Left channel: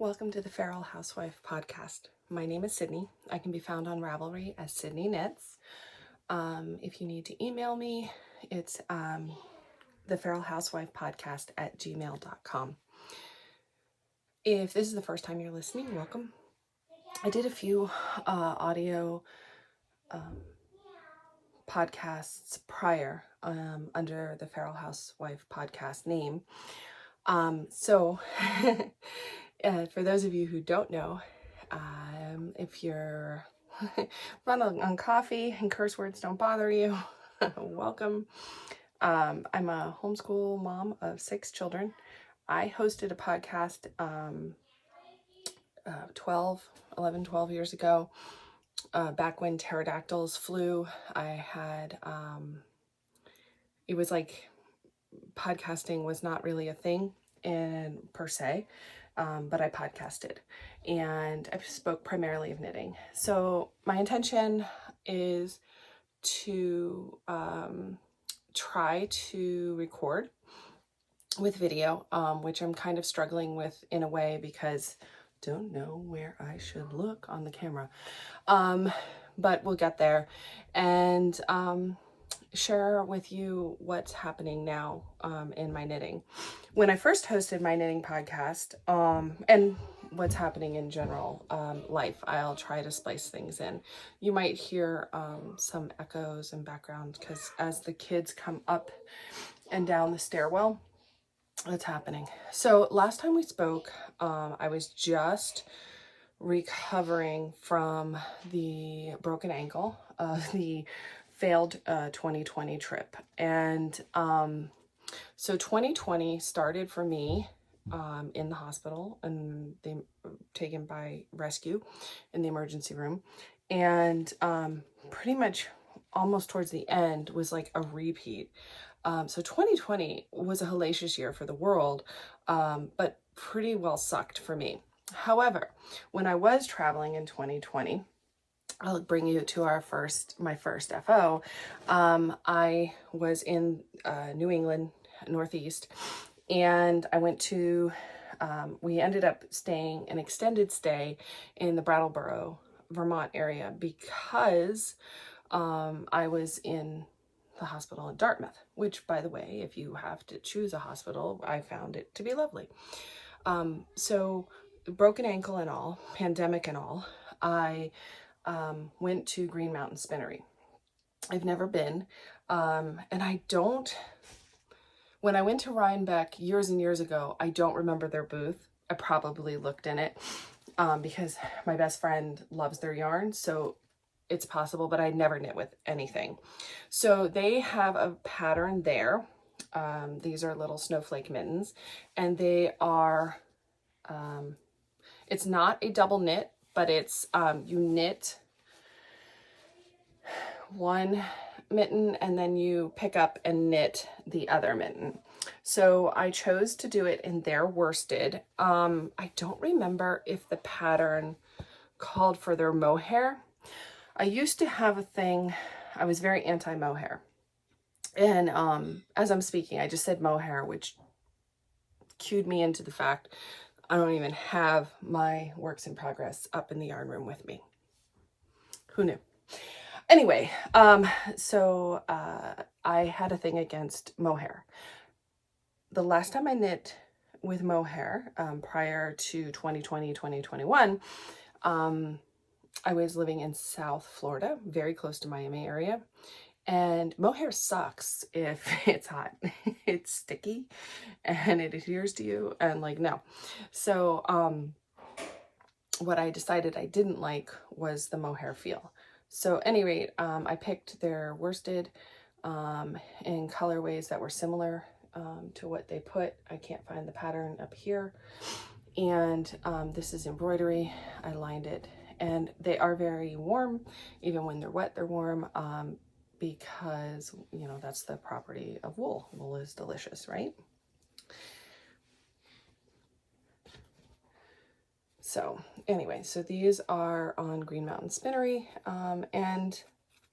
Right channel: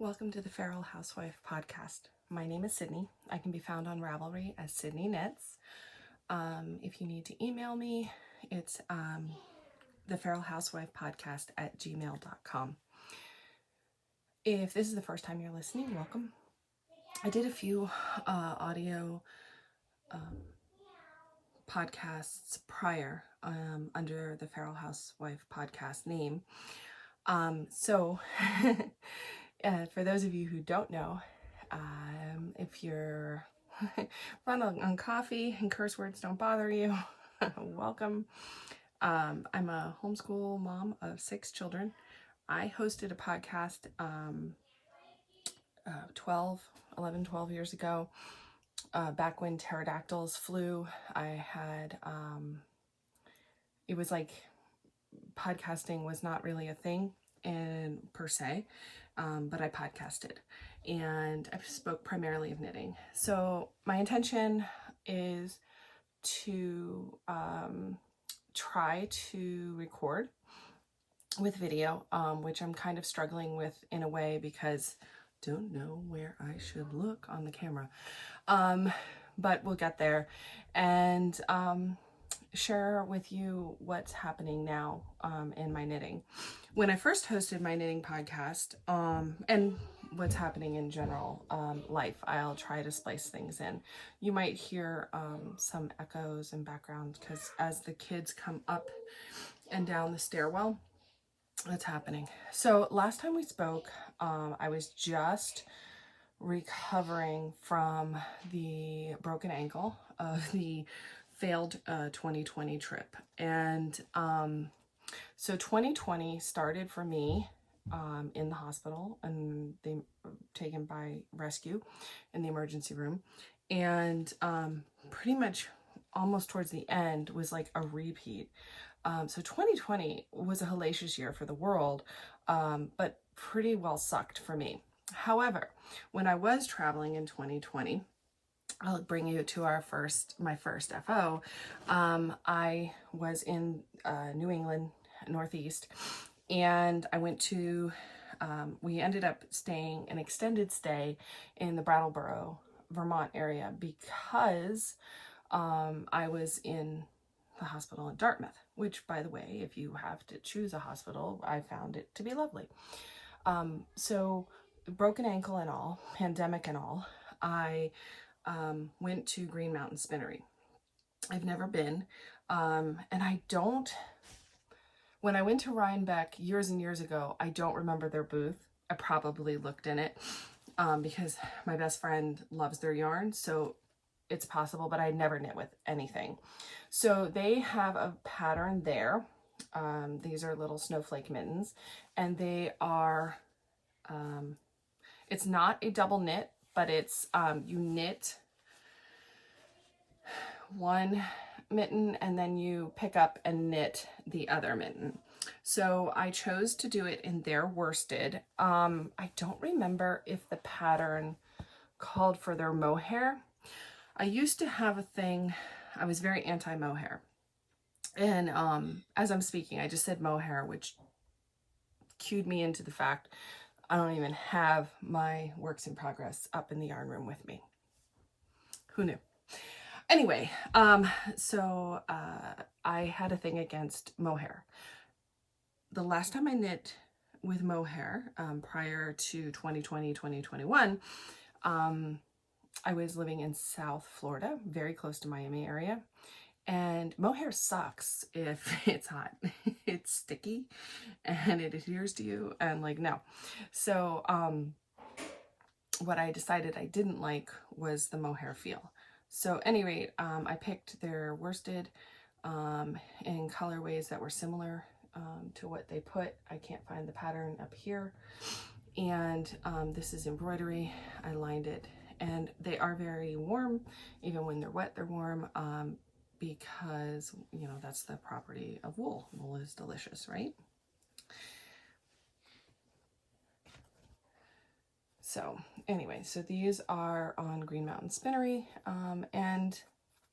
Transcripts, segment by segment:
Welcome to the Feral Housewife podcast. My name is Sydney. I can be found on Ravelry as Sydney Knits. If you need to email me, it's the Feral Housewife podcast at gmail.com. If this is the first time you're listening, welcome. I did a few audio podcasts prior under the Feral Housewife podcast name. So for those of you who don't know, if you're run on coffee and curse words don't bother you, welcome. I'm a homeschool mom of 6 children. I hosted a podcast 12 years ago, back when pterodactyls flew. I had, it was like podcasting was not really a thing per se, but I podcasted and I spoke primarily of knitting. So my intention is to try to record with video, which I'm kind of struggling with in a way because I don't know where I should look on the camera, but we'll get there and share with you what's happening now in my knitting. When I first hosted my knitting podcast, and what's happening in general life, I'll try to splice things in. You might hear some echoes in background because as the kids come up and down the stairwell, it's happening. So last time we spoke, I was just recovering from the broken ankle of the failed 2020 trip. And so 2020 started for me in the hospital, and they taken by rescue in the emergency room. And pretty much almost towards the end was like a repeat. So 2020 was a hellacious year for the world, but pretty well sucked for me. However, when I was traveling in 2020, I'll bring you to my first FO. I was in New England, Northeast, and I went to, we ended up staying an extended stay in the Brattleboro, Vermont area because I was in the hospital in Dartmouth, which, by the way, if you have to choose a hospital, I found it to be lovely. So broken ankle and all, pandemic and all, I went to Green Mountain Spinnery. I've never been, and when I went to Rhinebeck years and years ago, I don't remember their booth. I probably looked in it because my best friend loves their yarn, so it's possible, but I never knit with anything. So they have a pattern there. These are little snowflake mittens, and they are, it's not a double knit, but it's, you knit one mitten and then you pick up and knit the other mitten. So I chose to do it in their worsted. I don't remember if the pattern called for their mohair. I used to have a thing, I was very anti mohair. And as I'm speaking, I just said mohair, which cued me into the fact I don't even have my works in progress up in the yarn room with me. Who knew? Anyway, so I had a thing against mohair. The last time I knit with mohair, prior to 2020, 2021, I was living in South Florida, very close to Miami area. And mohair sucks if it's hot. It's sticky and it adheres to you and like, no. So what I decided I didn't like was the mohair feel. So at any rate, I picked their worsted in colorways that were similar to what they put. I can't find the pattern up here. And this is embroidery. I lined it. And they are very warm. Even when they're wet, they're warm. Because, you know, that's the property of wool. Wool is delicious, right? So anyway, so these are on Green Mountain Spinnery, and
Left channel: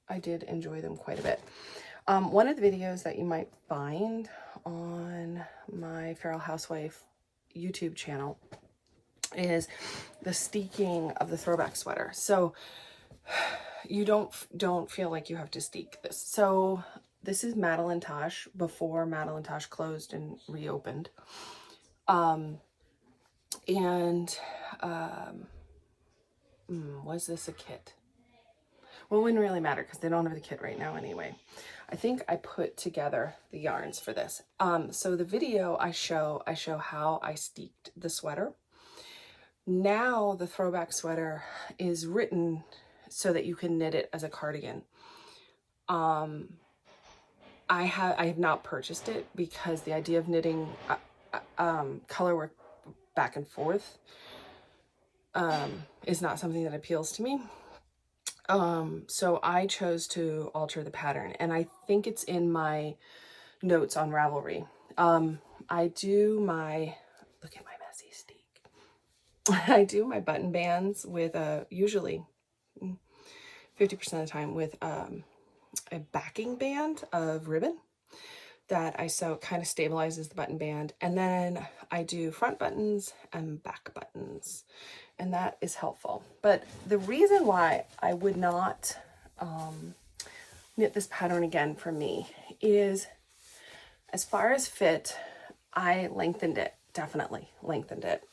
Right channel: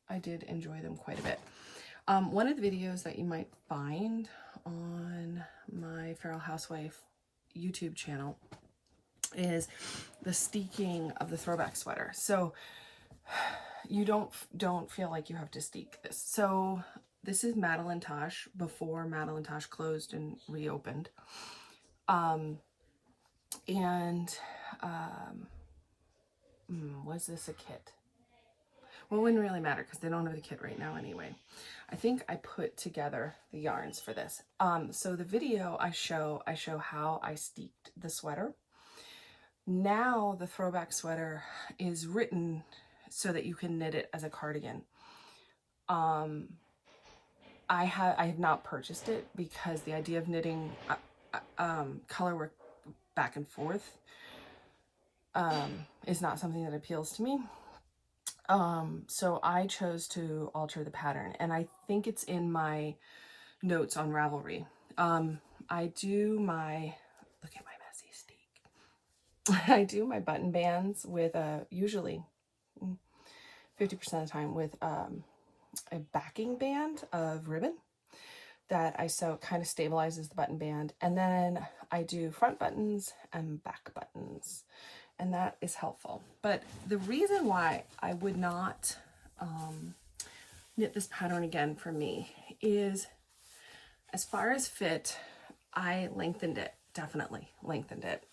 I did enjoy them quite a bit. One of the videos that you might find on my Feral Housewife YouTube channel is the steeking of the throwback sweater. So you don't feel like you have to steek this. So this is Madeline Tosh before Madeline Tosh closed and reopened. Was this a kit? Well, it wouldn't really matter because they don't have the kit right now anyway. I think I put together the yarns for this. So the video I show how I steeked the sweater. Now the throwback sweater is written so that you can knit it as a cardigan. I have not purchased it because the idea of knitting color work back and forth is not something that appeals to me. So I chose to alter the pattern, and I think it's in my notes on Ravelry. I do my, look at my messy steek. I do my button bands with usually 50% of the time with a backing band of ribbon that I sew, kind of stabilizes the button band. And then I do front buttons and back buttons, and that is helpful. But the reason why I would not knit this pattern again for me is, as far as fit, I lengthened it, definitely lengthened it.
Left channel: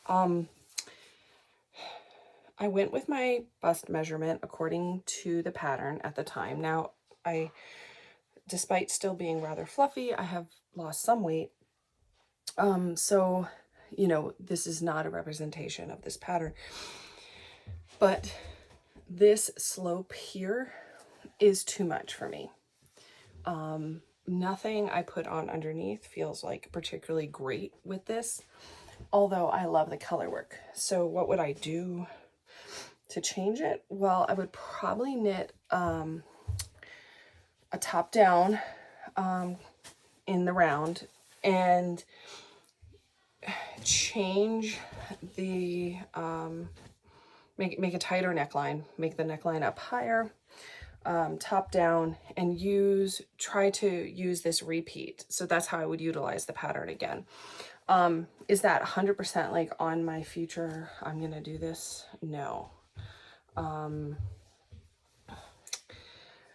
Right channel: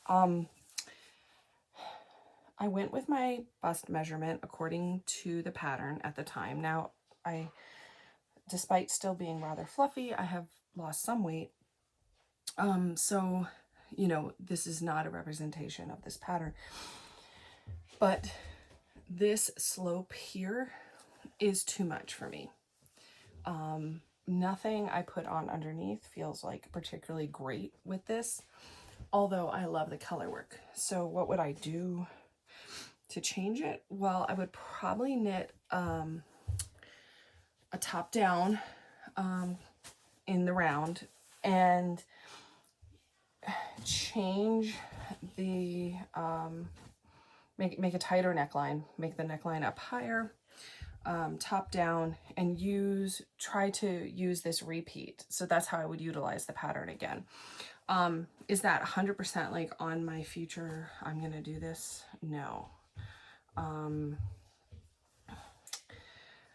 I went with my bust measurement according to the pattern at the time. Now, despite still being rather fluffy, I have lost some weight. So, you know, this is not a representation of this pattern. But this slope here is too much for me. Nothing I put on underneath feels like particularly great with this, although I love the color work. So what would I do to change it? Well, I would probably knit a top down in the round and change the make a tighter neckline, make the neckline up higher, top down, and try to use this repeat. So that's how I would utilize the pattern again. Is that 100% like on my future, I'm gonna do this? No.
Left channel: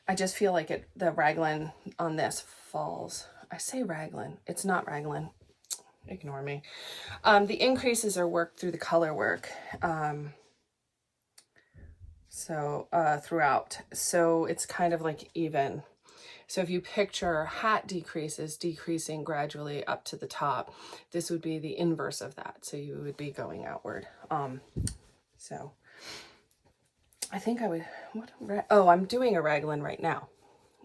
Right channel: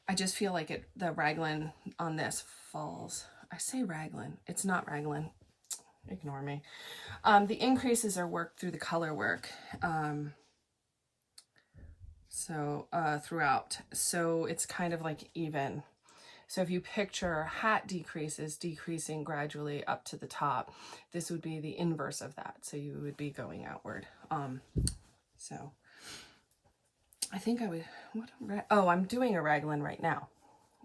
I just feel like the raglan on this falls. I say raglan, it's not raglan. Ignore me. The increases are worked through the color work. Throughout. So it's kind of like even. So if you picture hat decreases decreasing gradually up to the top, this would be the inverse of that. So you would be going outward. So I think I would, I'm doing a raglan right now,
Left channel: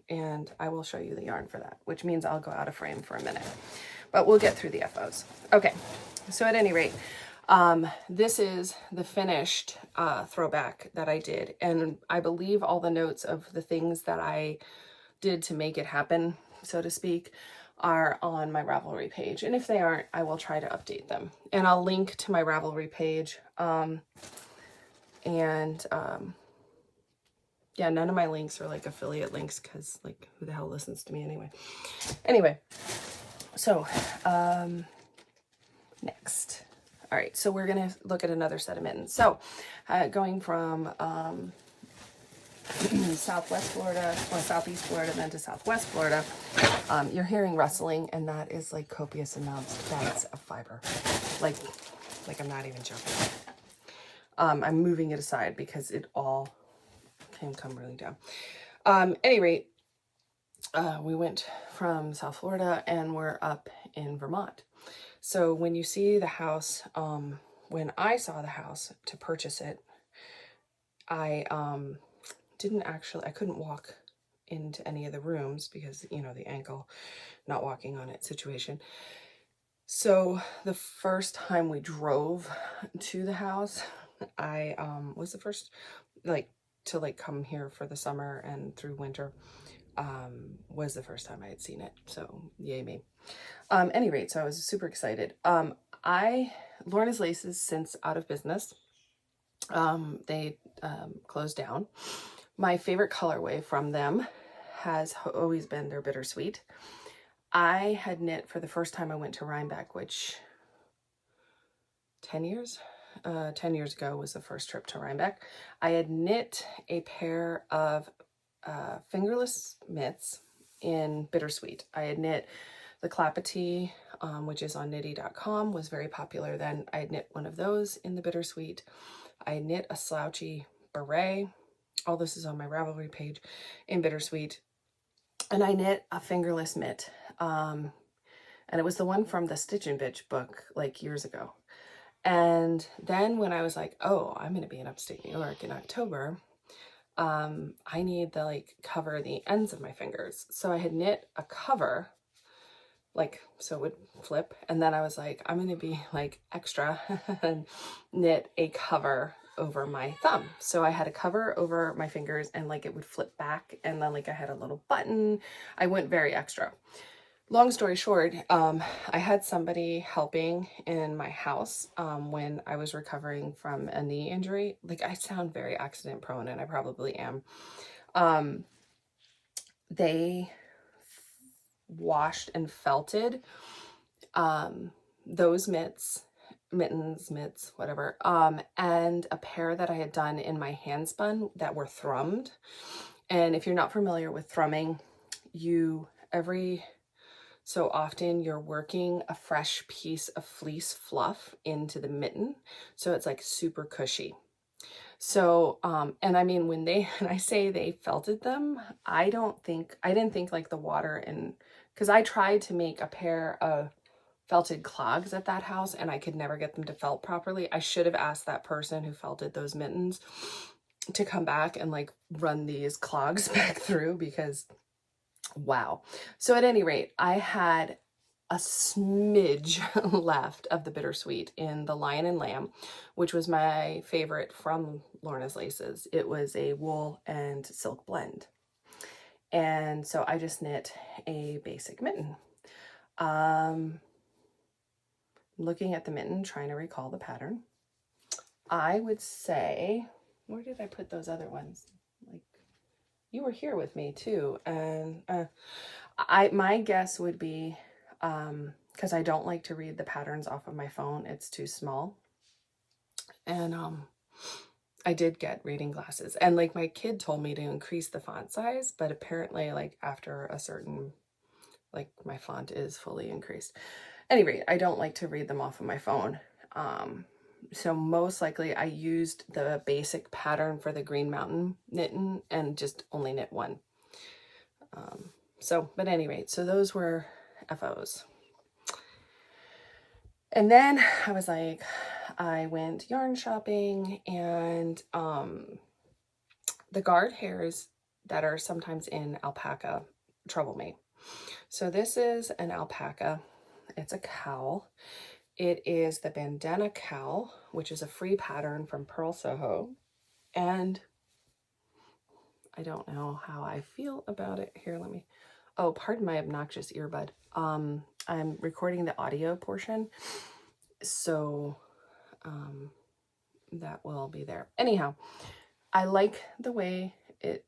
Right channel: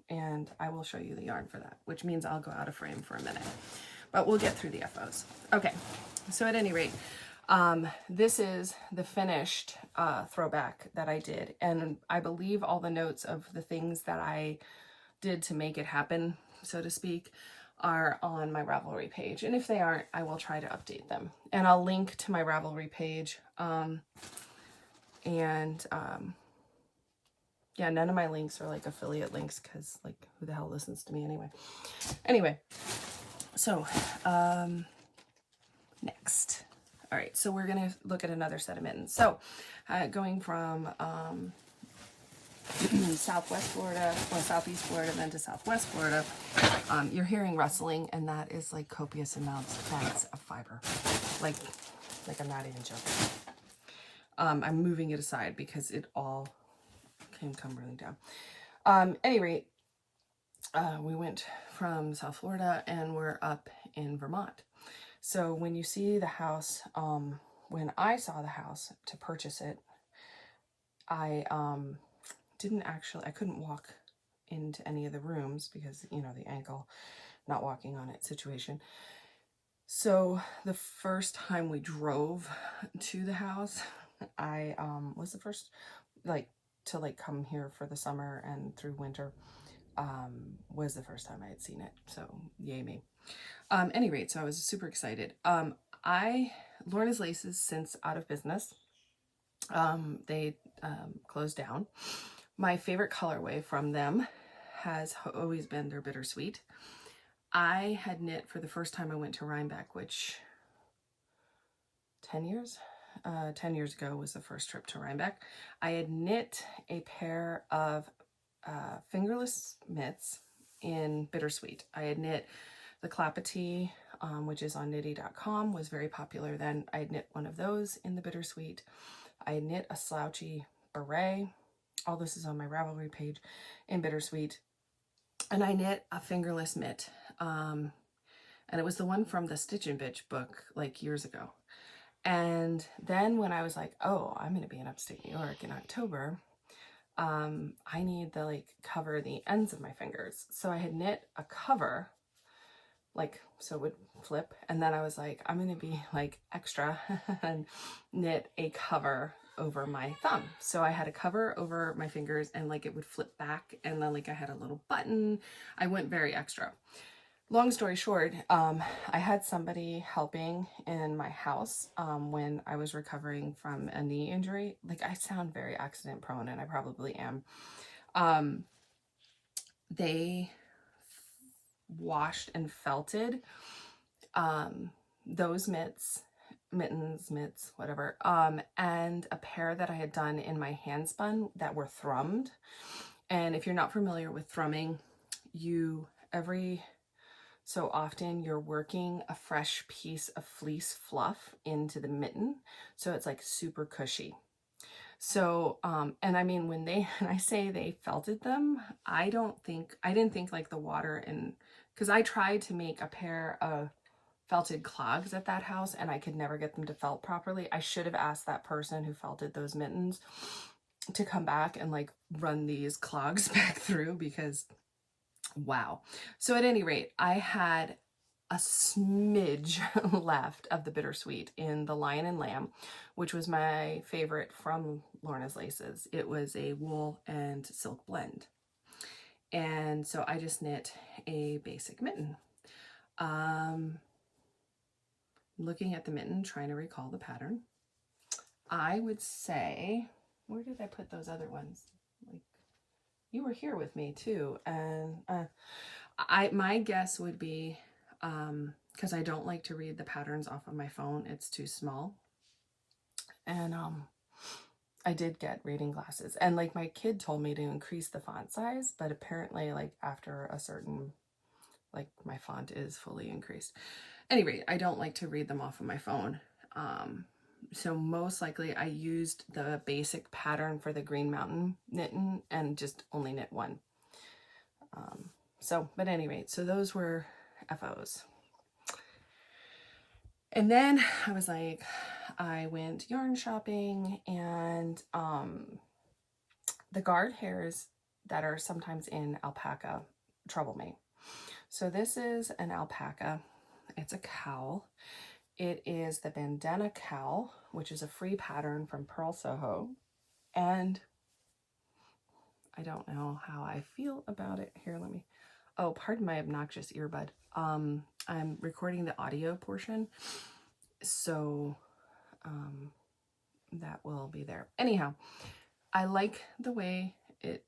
and I will show you the yarn for that, which means I'll go out of frame for a minute, but we'll get through the FOs. Okay, so at any rate, this is the finished throwback that I did, and I believe all the notes of the things that I did to make it happen, so to speak, are on my Ravelry page, and if they aren't, I will try to update them, and I'll link to my Ravelry page. Yeah, none of my links are like affiliate links because, like, who the hell listens to me anyway? So next, all right, so we're gonna look at another set of mittens. So going from Southwest Florida, or Southeast Florida, then to Southwest Florida, you're hearing rustling, and that is like copious amounts of bags of fiber. Like I'm not even joking. I'm moving it aside because it all can come really down. Any rate, we went from South Florida and we're up in Vermont. So when you see the house, when I saw the house to purchase it, I couldn't walk into any of the rooms because, you know, the ankle, not walking on it situation. So the first time we drove to the house, I was the first to come here for the summer and through winter, was the first time I had seen it. So yay me. Any rate, so I was super excited. Lorna's Laces since out of business. They closed down. My favorite colorway from them has always been their Bittersweet. I had knit for the first time I went to Rhinebeck, which 10 years 10 years ago was the first trip to Rhinebeck. I had knit a pair of fingerless mitts in Bittersweet. I had knit the Clapatee, which is on knitty.com, was very popular then. I had knit one of those in the Bittersweet. I knit a slouchy beret. All this is on my Ravelry page in Bittersweet. And I knit a fingerless mitt. And it was the one from the Stitch and Bitch book like years ago. And then when I was like, oh, I'm going to be in upstate New York in October, I need to like cover the ends of my fingers. So I had knit a cover, like, so it would flip. And then I was like, I'm going to be like extra and knit a cover over my thumb. So I had a cover over my fingers and like it would flip back. And then like I had a little button. I went very extra. Long story short, I had somebody helping in my house when I was recovering from a knee injury. Like, I sound very accident prone, and I probably am. They washed and felted those mitts, whatever, and a pair that I had done in my hand spun that were thrummed. And if you're not familiar with thrumming, every so often you're working a fresh piece of fleece fluff into the mitten. So it's like super cushy. So, and I mean, when I say they felted them, I didn't think like the water because I tried to make a pair of felted clogs at that house and I could never get them to felt properly. I should have asked that person who felted those mittens to come back and like run these clogs back through, because wow. So at any rate, I had a smidge left of the Bittersweet in the Lion and Lamb, which was my favorite from Lorna's Laces. It was a wool and silk blend. And so I just knit a basic mitten. Looking at the mitten, trying to recall the pattern. I would say, where did I put those other ones? Like, you were here with me too, and my guess would be, because I don't like to read the patterns off of my phone, it's too small, and I did get reading glasses, and like my kid told me to increase the font size, but apparently like after a certain, like my font is fully increased. Anyway, I don't like to read them off of my phone. So most likely I used the basic pattern for the Green Mountain knitting and just only knit one. But anyway, so those were FOs. And then I was like, I went yarn shopping, and the guard hairs that are sometimes in alpaca trouble me. So this is an alpaca. It's a cowl. It is the Bandanna Cow, which is a free pattern from Pearl Soho. And I don't know how I feel about it. Here, oh, pardon my obnoxious earbud. I'm recording the audio portion, so that will be there. Anyhow, I like the way it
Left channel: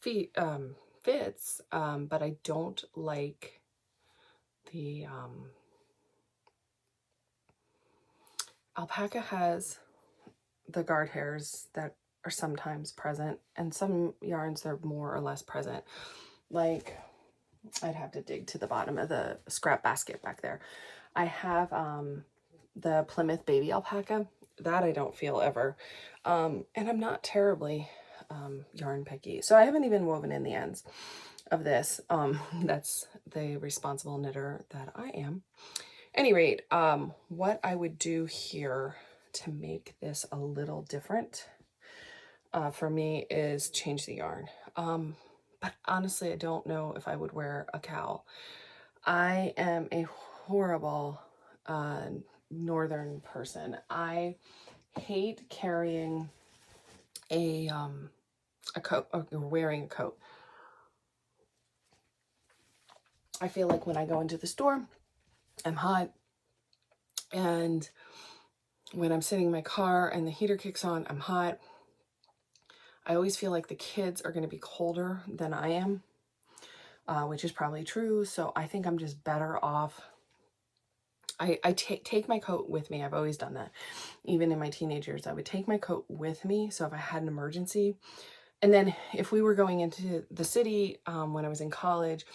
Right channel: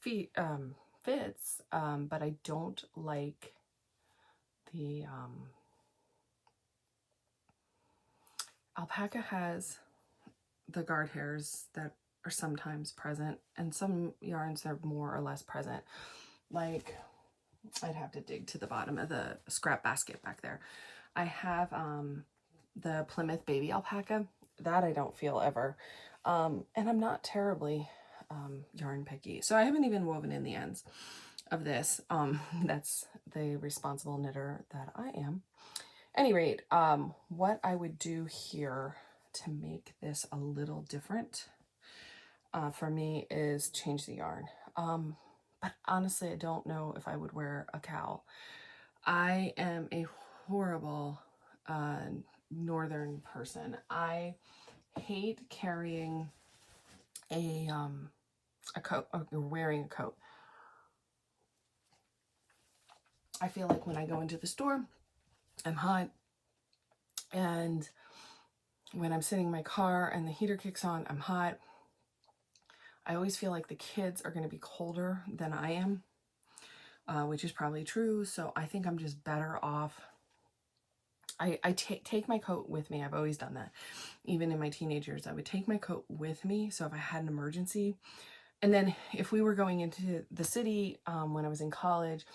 fits, but I don't like the alpaca has the guard hairs that are sometimes present, and some yarns they're more or less present. Like, I'd have to dig to the bottom of the scrap basket back there. I have the Plymouth baby alpaca that I don't feel ever, and I'm not terribly yarn picky, so I haven't even woven in the ends of this. That's the responsible knitter that I am. Any rate, what I would do here to make this a little different for me is change the yarn. But honestly, I don't know if I would wear a cowl. I am a horrible northern person. I hate carrying a coat, or wearing a coat. I feel like when I go into the store, I'm hot, and when I'm sitting in my car and the heater kicks on, I'm hot. I always feel like the kids are going to be colder than I am, which is probably true. So I think I'm just better off I take my coat with me. I've always done that. Even in my teenage years, I would take my coat with me. So if I had an emergency, and then if we were going into the city, when I was in college,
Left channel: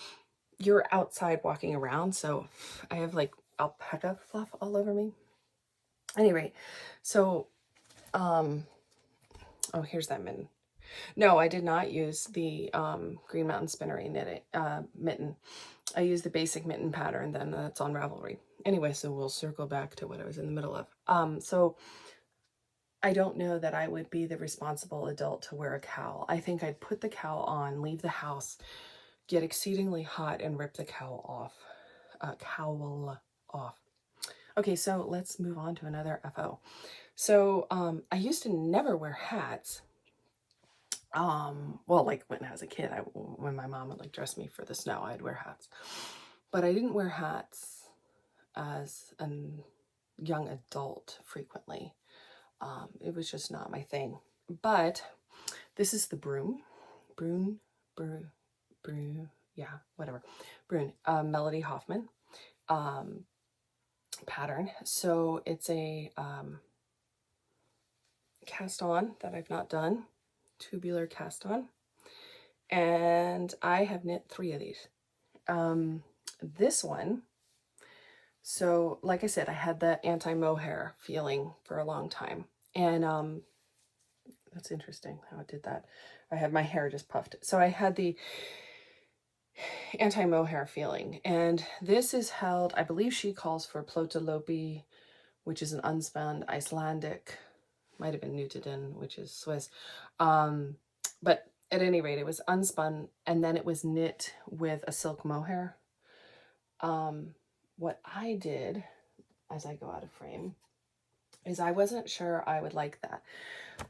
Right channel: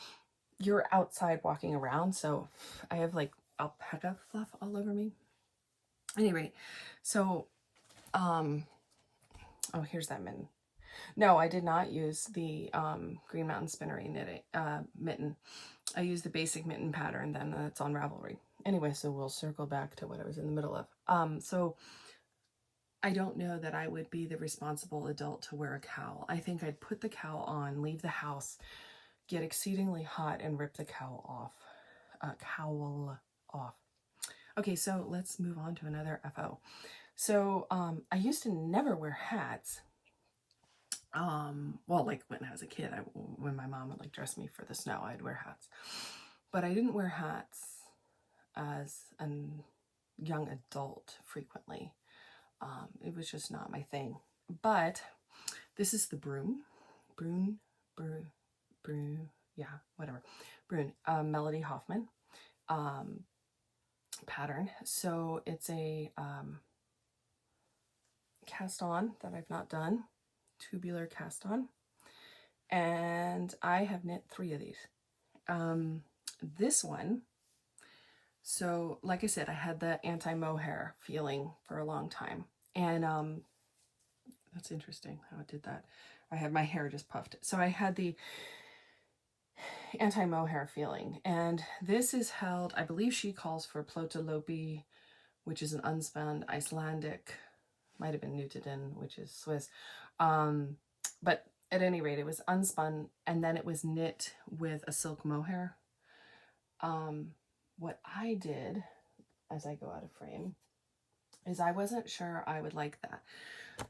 you're outside walking around. So I have like alpaca fluff all over me. Anyway, so, oh, here's that mitten. No, I did not use the Green Mountain Spinnery mitten. I used the basic mitten pattern then that's on Ravelry. Anyway, so we'll circle back to what I was in the middle of. So I don't know that I would be the responsible adult to wear a cowl. I think I'd put the cowl on, leave the house, get exceedingly hot, and rip the cowl off. Okay, so let's move on to another FO. So I used to never wear hats. Well, like when I was a kid, when my mom would like dress me for the snow, I'd wear hats. But I didn't wear hats as a young adult frequently. It was just not my thing. But this is the broom, yeah, whatever, Melody Hoffman pattern. So it's a cast on that I've not done, tubular cast on, and I have knit 3 of these. This one, so like I said, I had that anti-mohair feeling for a long time, and that's interesting how it did that. I had my hair just puffed, so I had the anti-mohair feeling, and this is held, I believe she calls for Plötulopi, which is an unspun Icelandic, might have been Nutiden, which is Swiss, but at any rate, it was unspun, and then it was knit with a silk mohair. What I did, as I go out of frame, is I wasn't sure I would like that.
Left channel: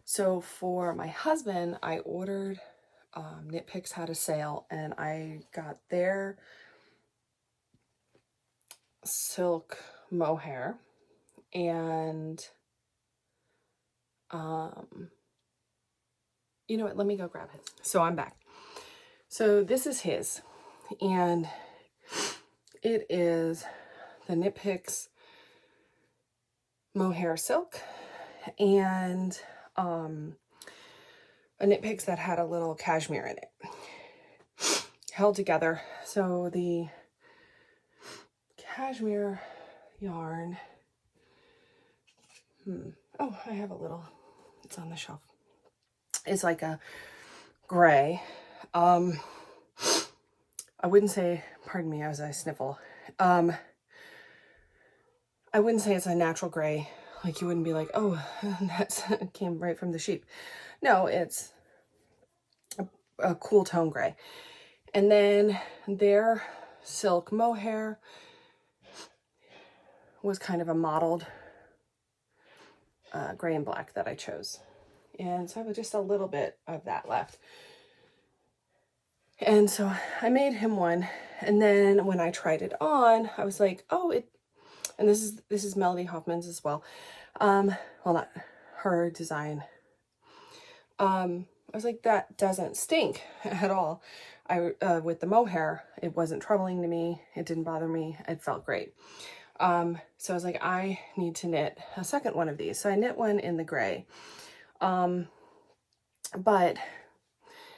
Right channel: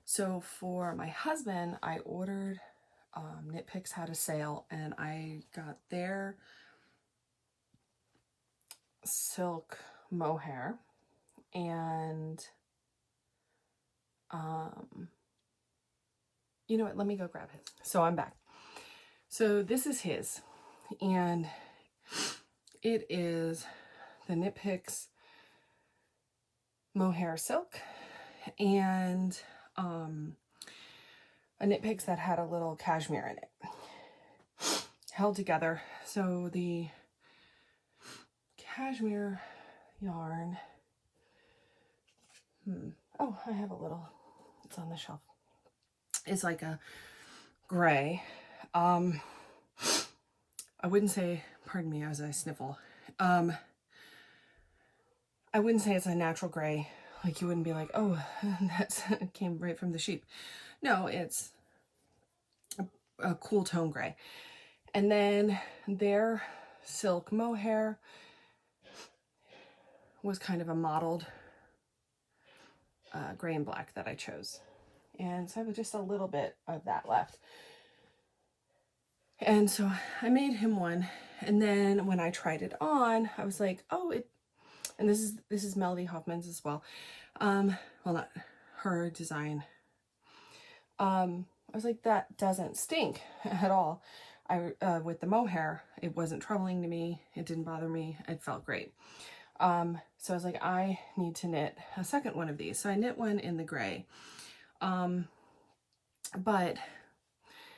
So for my husband, I ordered, Knit Picks had a sale, and I got their silk mohair, and you know what, let me go grab it. So I'm back. So this is his, and it is the Knit Picks mohair silk, and a Knit Picks that had a little cashmere in it held together. So the cashmere yarn, oh, I have a little, it's on the shelf. It's like a gray. I wouldn't say, pardon me as I sniffle, I wouldn't say it's a natural gray. Like you wouldn't be like, oh, that came right from the sheep. No, it's a cool tone gray. And then their silk mohair was kind of a mottled gray and black that I chose. And so I have just a little bit of that left. And so I made him one. And then when I tried it on, I was like, oh, and this is Melody Hoffman's as well. Well, not her design. I was like, that doesn't stink at all. With the mohair, it wasn't troubling to me. It didn't bother me. It felt great. So I was like, I need to knit a second one of these. So I knit one in the gray. But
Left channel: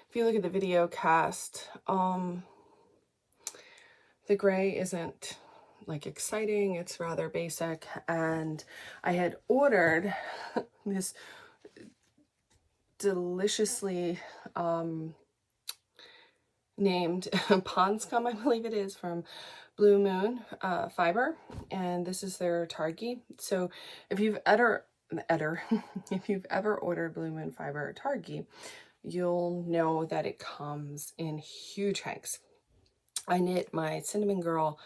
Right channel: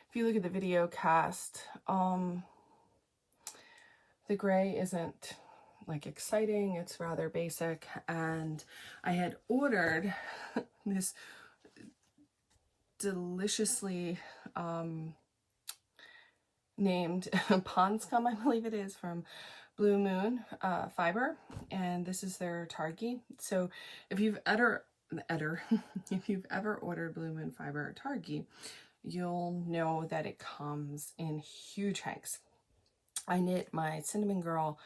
if you look at the video cast, the gray isn't like exciting. It's rather basic. And I had ordered this deliciously named Pond Scum, I believe it is, from Blue Moon fiber, and this is their Targhee. So if you've ever if you've ever ordered Blue Moon fiber Targhee, you'll know that it comes in huge hanks. I knit my Cinnamon Girl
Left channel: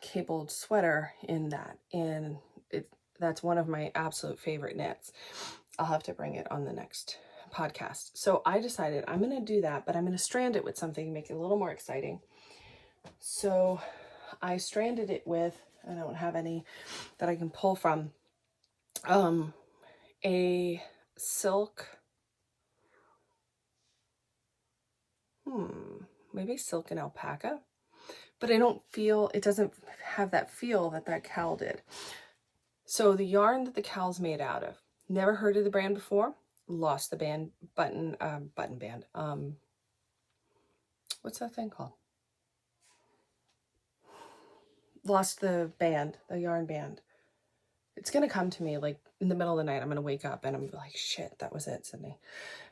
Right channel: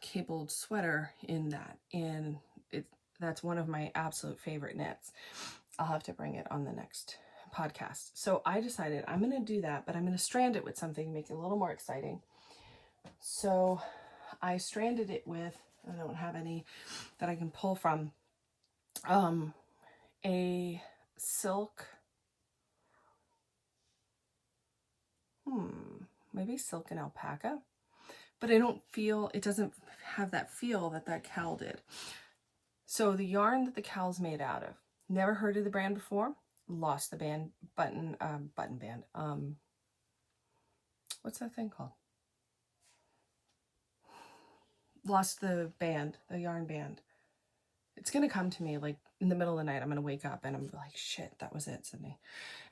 cabled sweater in that, and that's one of my absolute favorite knits. I'll have to bring it on the next podcast. So I decided I'm going to do that, but I'm going to strand it with something to make it a little more exciting. So I stranded it with, I don't have any that I can pull from, a silk, maybe silk and alpaca, but I don't feel, it doesn't have that feel that that cowl did. So the yarn that the cowl's made out of, never heard of the brand before, lost the button band. What's that thing called? Lost the band, the yarn band. It's going to come to me like in the middle of the night. I'm going to wake up and I'm like, shit, that was it, Sydney.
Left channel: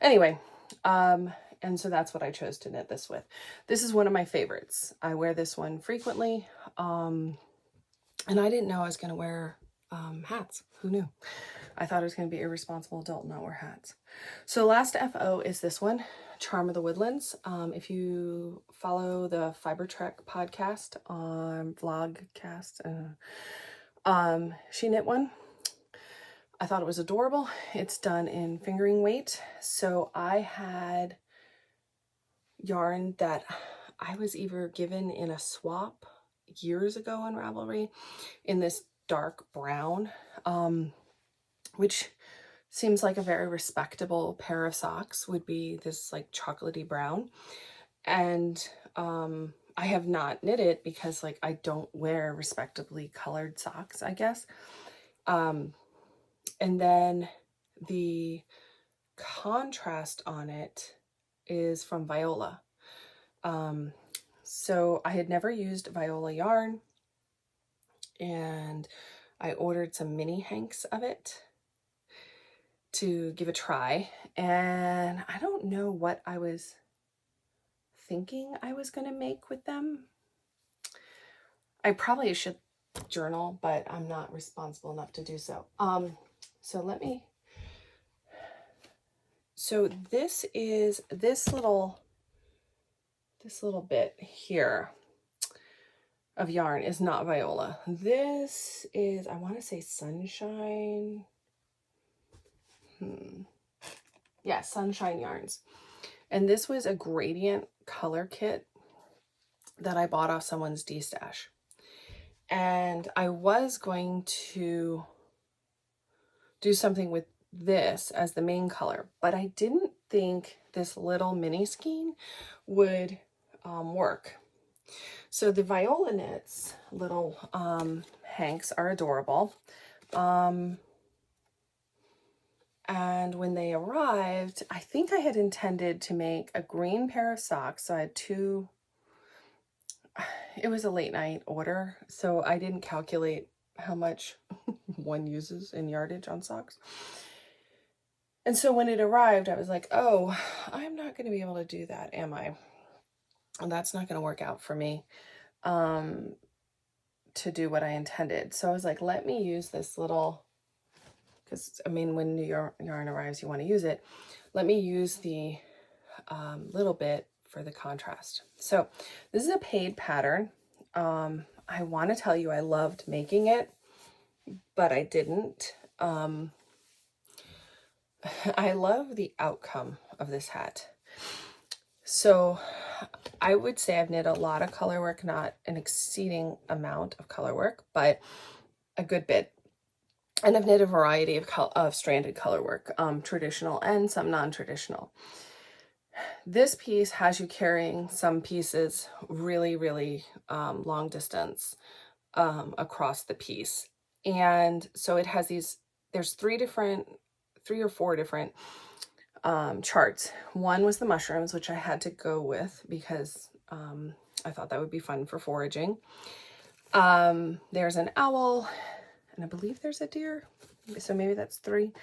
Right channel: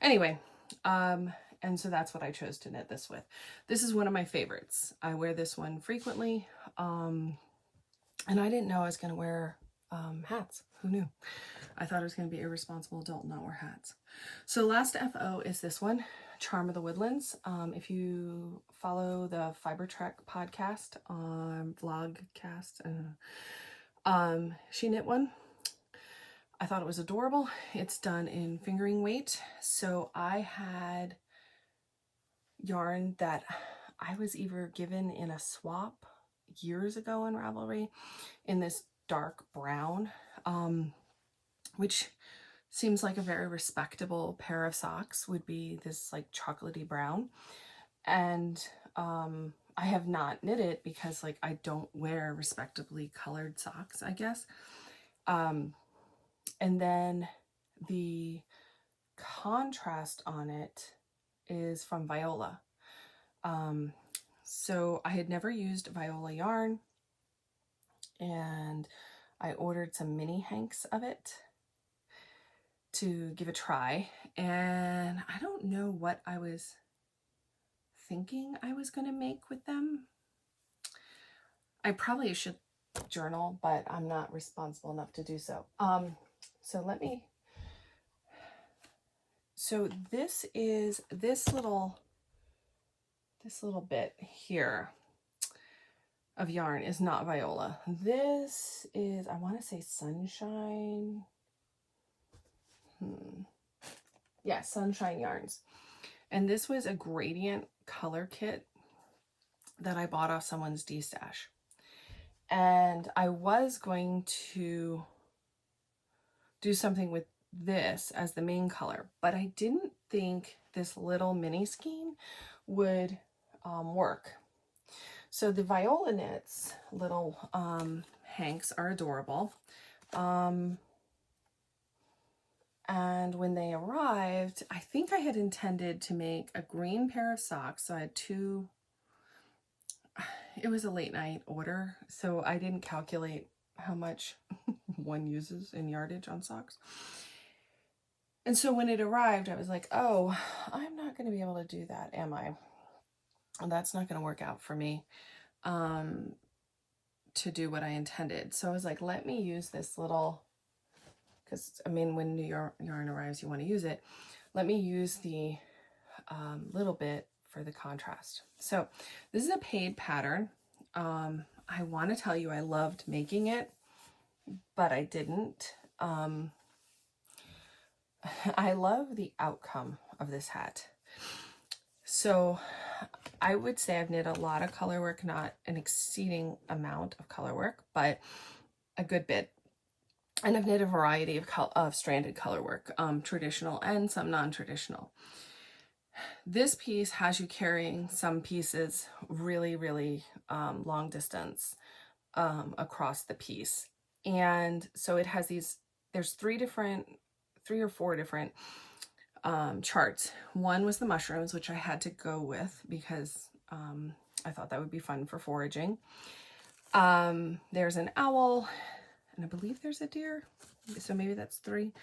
Anyway, and so that's what I chose to knit this with. This is one of my favorites. I wear this one frequently. And I didn't know I was going to wear hats. Who knew? I thought I was going to be an irresponsible adult and not wear hats. So last FO is this one, Charm of the Woodlands. If you follow the Fiber Trek podcast on Vlogcast, she knit one. I thought it was adorable. It's done in fingering weight. So I had yarn that I was either given in a swap years ago in Ravelry in this dark brown, which seems like a very respectable pair of socks would be this like chocolatey brown. And I have not knit it because like I don't wear respectably colored socks, I guess. And then the contrast on it is from Viola. So I had never used Viola yarn, and I ordered some mini hanks of it to give a try. And I don't know what I was thinking I was going to make with them. I probably should journal, but I'm not responsible enough to do so. So this is this little bit here of yarn is not Viola. This is, I want to say Sunshine. Yeah, Sunshine Yarns. And this was a gradient color kit that I bought off someone's D-stash. And I was going to do something with this as the main color, but I didn't think this little mini skein would work. So the Viola Knits little hanks are adorable. And when they arrived, I think I had intended to make a green pair of socks. So I had two, it was a late night order, so I didn't calculate how much one uses in yardage on socks. And so when it arrived, I was like, oh, I'm not going to be able to do that, am I? And that's not going to work out for me to do what I intended. So I was like, let me use this little, because I mean, when new yarn arrives, you want to use it. Let me use the little bit for the contrast. So this is a paid pattern. I want to tell you I loved making it, but I didn't. I love the outcome of this hat. So I would say I've knit a lot of color work, not an exceeding amount of color work, but a good bit. And I've knit a variety of stranded color work, traditional and some non-traditional. This piece has you carrying some pieces really, really long distance across the piece. And so it has these, there's three or four different charts. One was the mushrooms, which I had to go with because I thought that would be fun for foraging. There's an owl, and I believe there's a deer, so maybe that's three.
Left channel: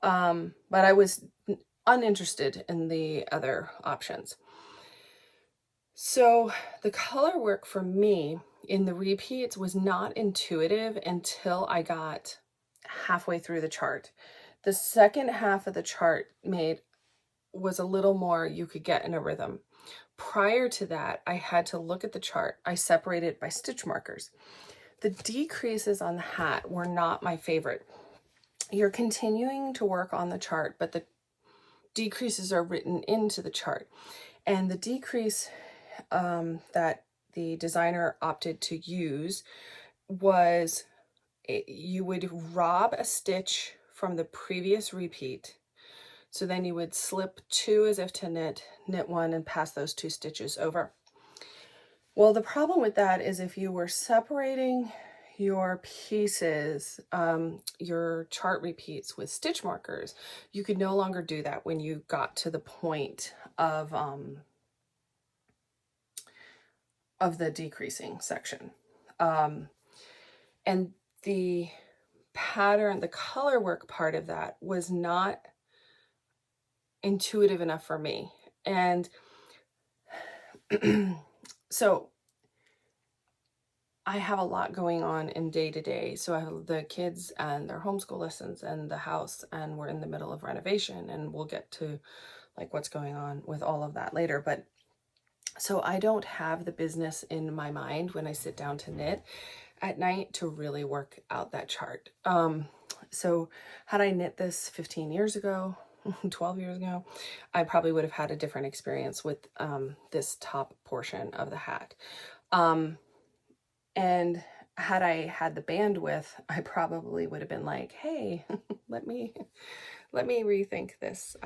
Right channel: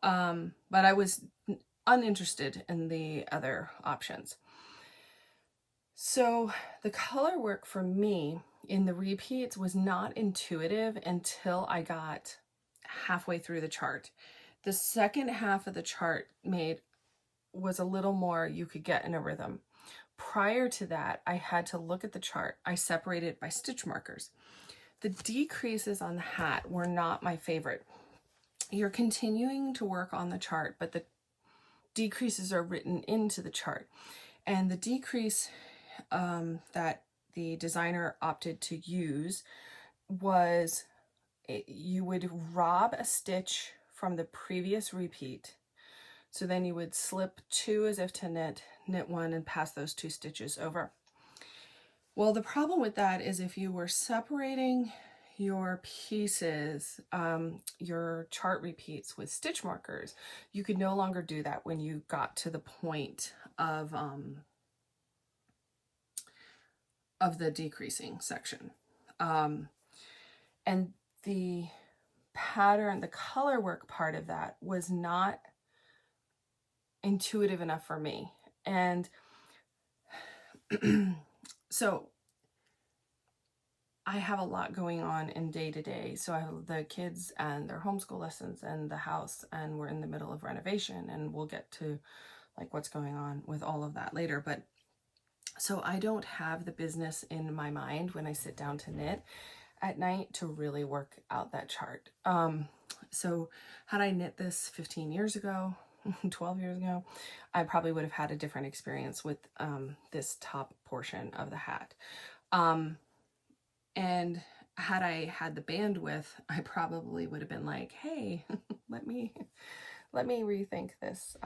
But I was uninterested in the other options. So the color work for me in the repeats was not intuitive until I got halfway through the chart. The second half of the chart was a little more you could get in a rhythm. Prior to that, I had to look at the chart. I separated by stitch markers. The decreases on the hat were not my favorite. You're continuing to work on the chart, but the decreases are written into the chart. And the decrease that the designer opted to use was you would rob a stitch from the previous repeat. So then you would slip two as if to knit one, and pass those two stitches over. Well, the problem with that is if you were separating your pieces, your chart repeats with stitch markers, you could no longer do that when you got to the point of the decreasing section. And the pattern, the color work part of that was not intuitive enough for me. And so I have a lot going on in day to day. So I have the kids and their homeschool lessons and the house, and we're in the middle of renovation, and we'll get to like what's going on with all of that later. But so I don't have the business in my mind when I sit down to knit at night to really work out that chart. So had I knit this 15 years ago, 12 years ago, I probably would have had a different experience with this top portion of the hat. And had I had the bandwidth, I probably would have been like, hey, let me rethink this,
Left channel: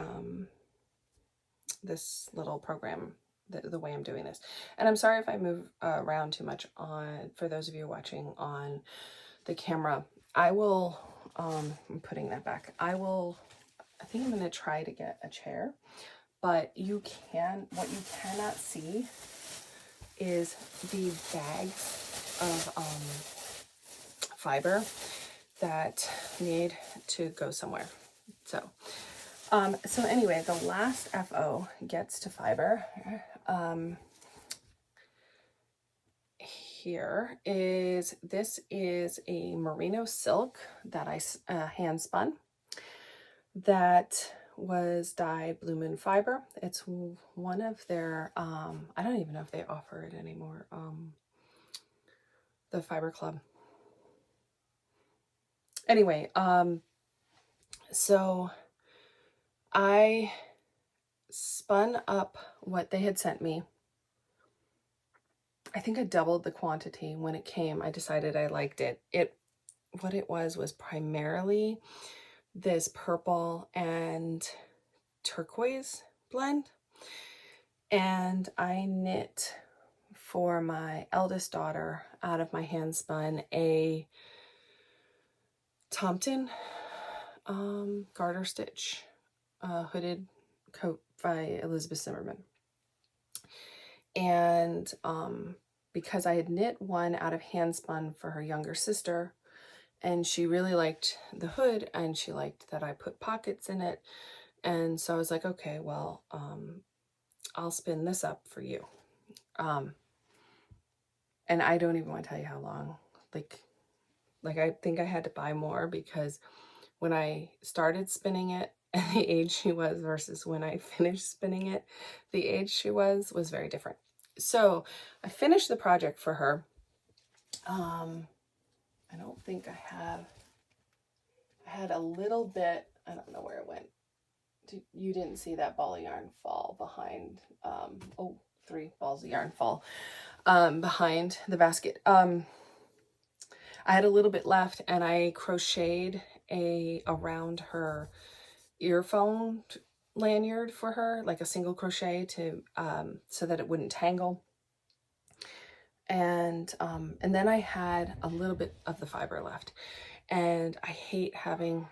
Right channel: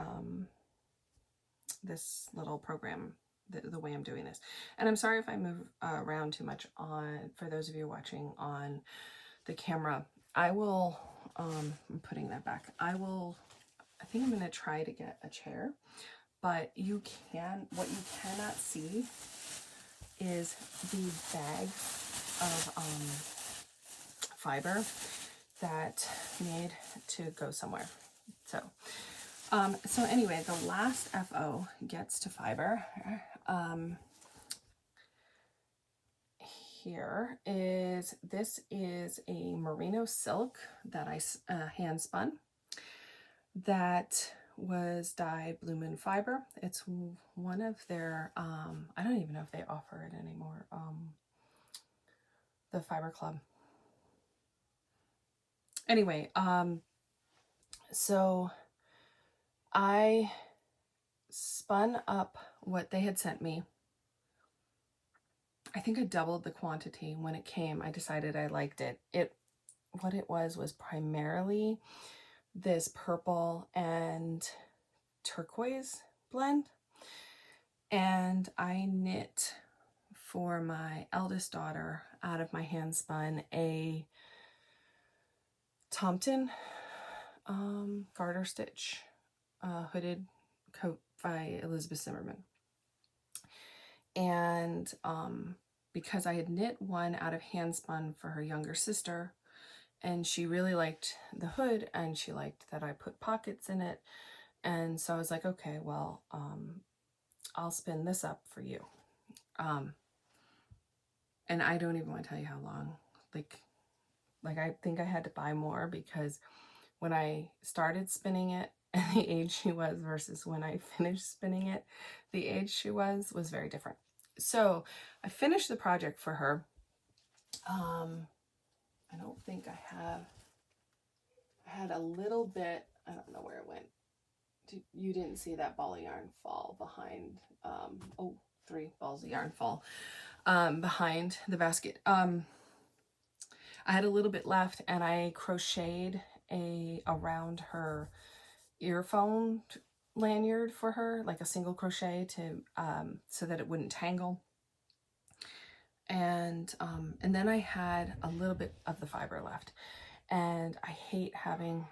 this little program, the way I'm doing this. And I'm sorry if I move around too much for those of you watching on the camera. I will, I'm putting that back. I think I'm going to try to get a chair, but what you cannot see is the bags of fiber that need to go somewhere. So anyway, the last FO gets to fiber. This is a merino silk that I hand spun that was dyed Blue Moon Fiber. It's one of their, I don't even know if they offer it anymore, the Fiber Club. Anyway, so I spun up what they had sent me. I think I doubled the quantity when it came. I decided I liked it. What it was primarily this purple and turquoise blend. And I knit for my eldest daughter out of my hand spun a Tomton garter stitch hooded coat by Elizabeth Zimmerman. And because I had knit one out of hand spun for her younger sister, and she really liked the hood and she liked that I put pockets in it, and so I was like, okay, well, I'll spin this up for you. And I don't even want to tell you how long. Like I think I had to buy more, because when I started spinning it and the age she was versus when I finished spinning it, the age she was very different. So I finished the project for her. I don't think I had a little bit, I don't know where it went. You didn't see that ball of yarn fall behind, 3 balls of yarn fall behind the basket. I had a little bit left, and I crocheted around her earphone lanyard for her, like a single crochet to so that it wouldn't tangle. And then I had a little bit of the fiber left, and I hate having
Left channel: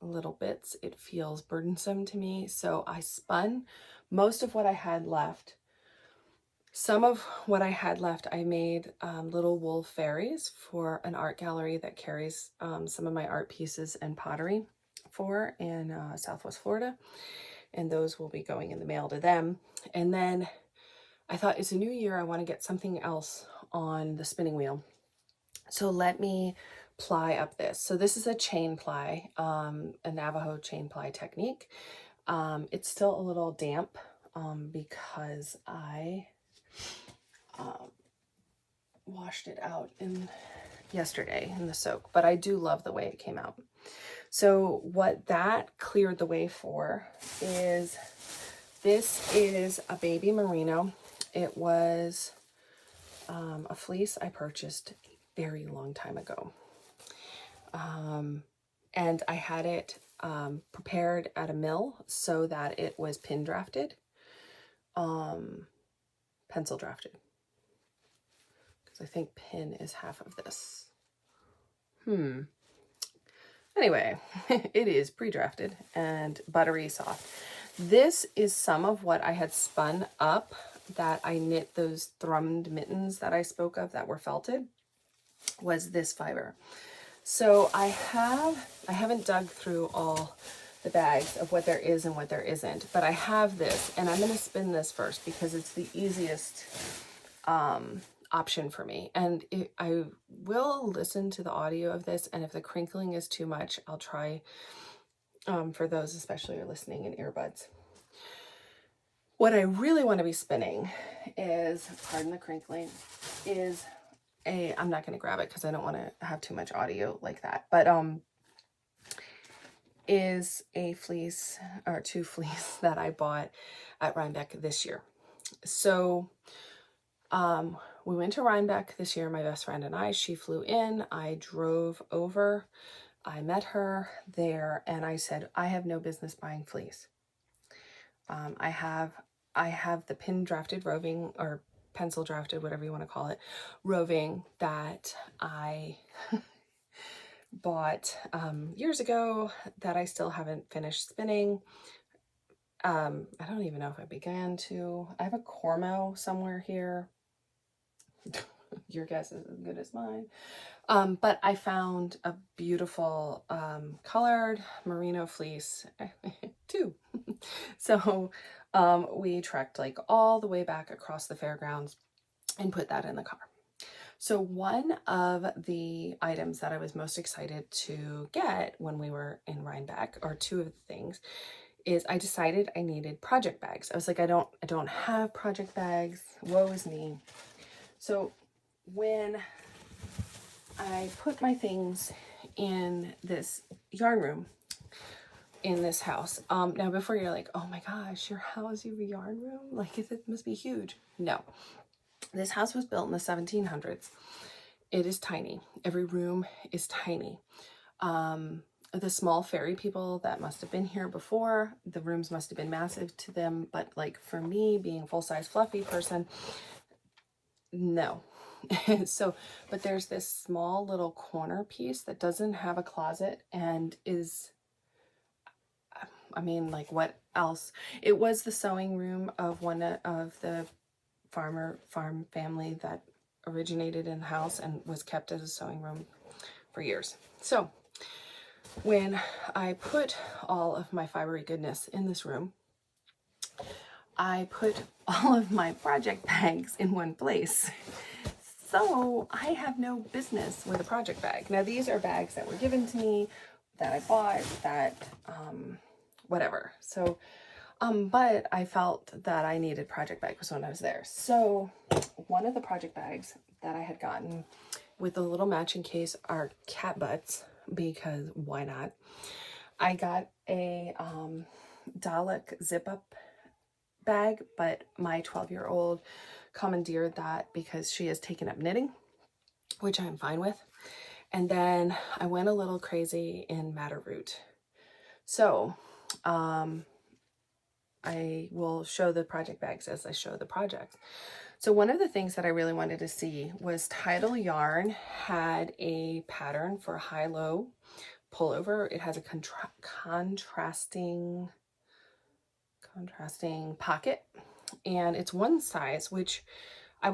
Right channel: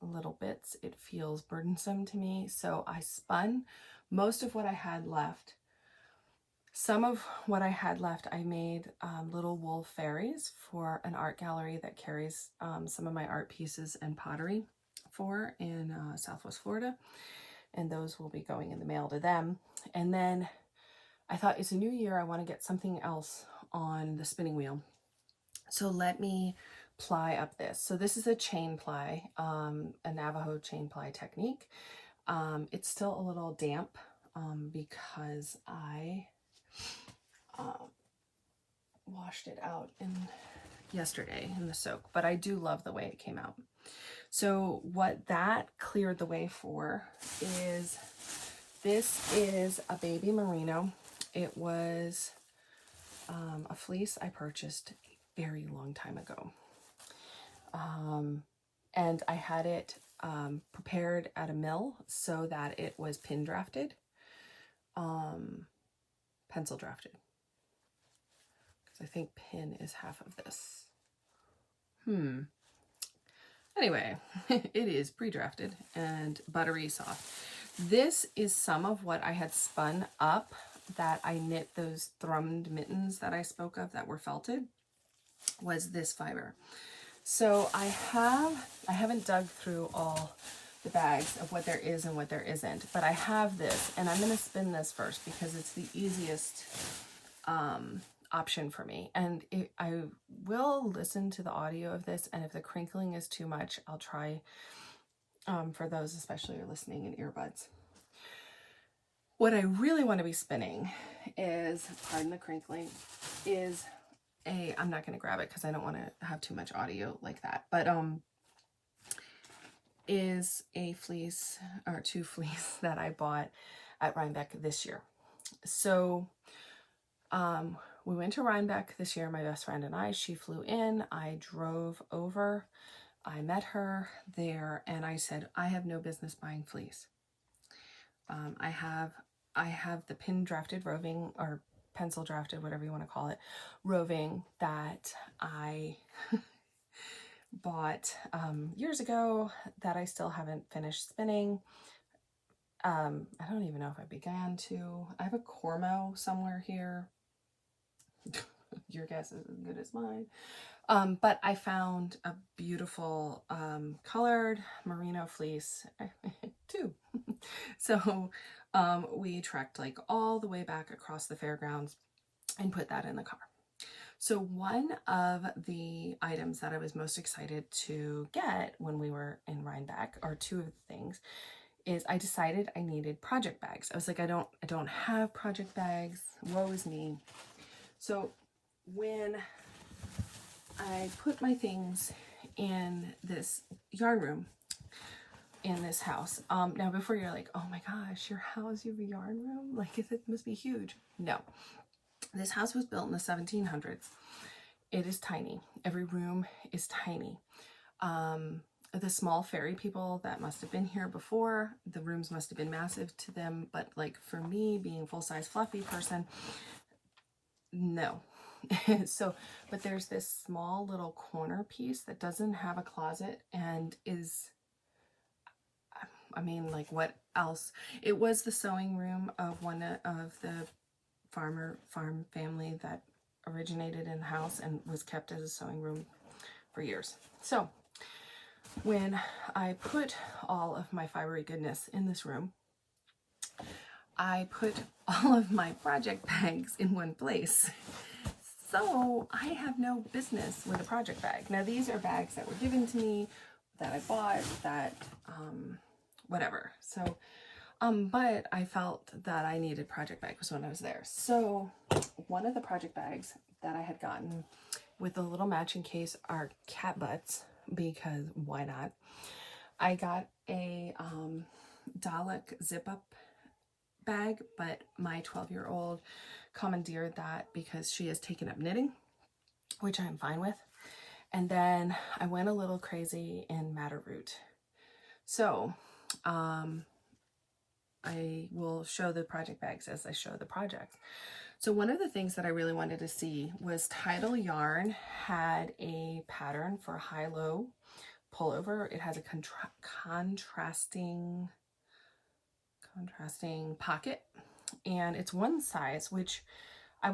little bits. It feels burdensome to me. So I spun most of what I had left. Some of what I had left, I made little wool fairies for an art gallery that carries some of my art pieces and pottery for in Southwest Florida. And those will be going in the mail to them. And then I thought, it's a new year, I want to get something else on the spinning wheel. So let me ply up this. So this is a chain ply, a Navajo chain ply technique. It's still a little damp because I washed it out yesterday in the soak, but I do love the way it came out. So what that cleared the way for is, this is a baby merino. It was a fleece I purchased a very long time ago. And I had it prepared at a mill so that it was pin drafted, pencil drafted. So I think pin is half of this. Anyway, it is pre-drafted and buttery soft. This is some of what I had spun up that I knit those thrummed mittens that I spoke of that were felted, was this fiber. So I haven't dug through all the bags of what there is and what there isn't, but I have this, and I'm going to spin this first because it's the easiest option for me. And I will listen to the audio of this, and if the crinkling is too much, I'll try, for those especially who are listening in earbuds. What I really want to be spinning is, pardon the crinkling, is I'm not going to grab it because I don't want to have too much audio like that, but is a fleece or two fleece that I bought at Rhinebeck this year. So we went to Rhinebeck this year, my best friend and I. She flew in, I drove over, I met her there, and I said, I have no business buying fleece. I have the pin drafted roving, or pencil drafted, whatever you want to call it, roving that I bought years ago that I still haven't finished spinning. I don't even know if I began to. I have a Cormo somewhere here. Your guess is as good as mine. But I found a beautiful colored merino fleece too. So we trekked like all the way back across the fairgrounds and put that in the car. So one of the items that I was most excited to get when we were in Rhinebeck, or two of the things, is I decided I needed project bags. I was like, I don't have project bags. Woe is me. So when I put my things in this yarn room in this house, now before you're like, oh my gosh, your house, you have a yarn room? Like, it must be huge. No, this house was built in the 1700s. It is tiny. Every room is tiny. The small fairy people that must have been here before, the rooms must have been massive to them. But like for me, being a full-size fluffy person, no. So, but there's this small little corner piece that doesn't have a closet and is, I mean, like, what else? It was the sewing room of one of the farm family that originated in the house and was kept as a sewing room for years. So when I put all of my fibery goodness in this room, I put all of my project bags in one place. So I have no business with a project bag. Now, these are bags that were given to me, that I bought, that whatever. So but I felt that I needed project bags when I was there. So one of the project bags that I had gotten with a little matching case are cat butts, because why not? I got a Dalek zip up bag, but my 12-year-old commandeered that because she has taken up knitting, which I'm fine with. And then I went a little crazy in madder root. So I will show the project bags as I show the projects. So one of the things that I really wanted to see was Untitled Yarn had a pattern for high-low pullover. It has a contrasting pocket, and it's one size, which I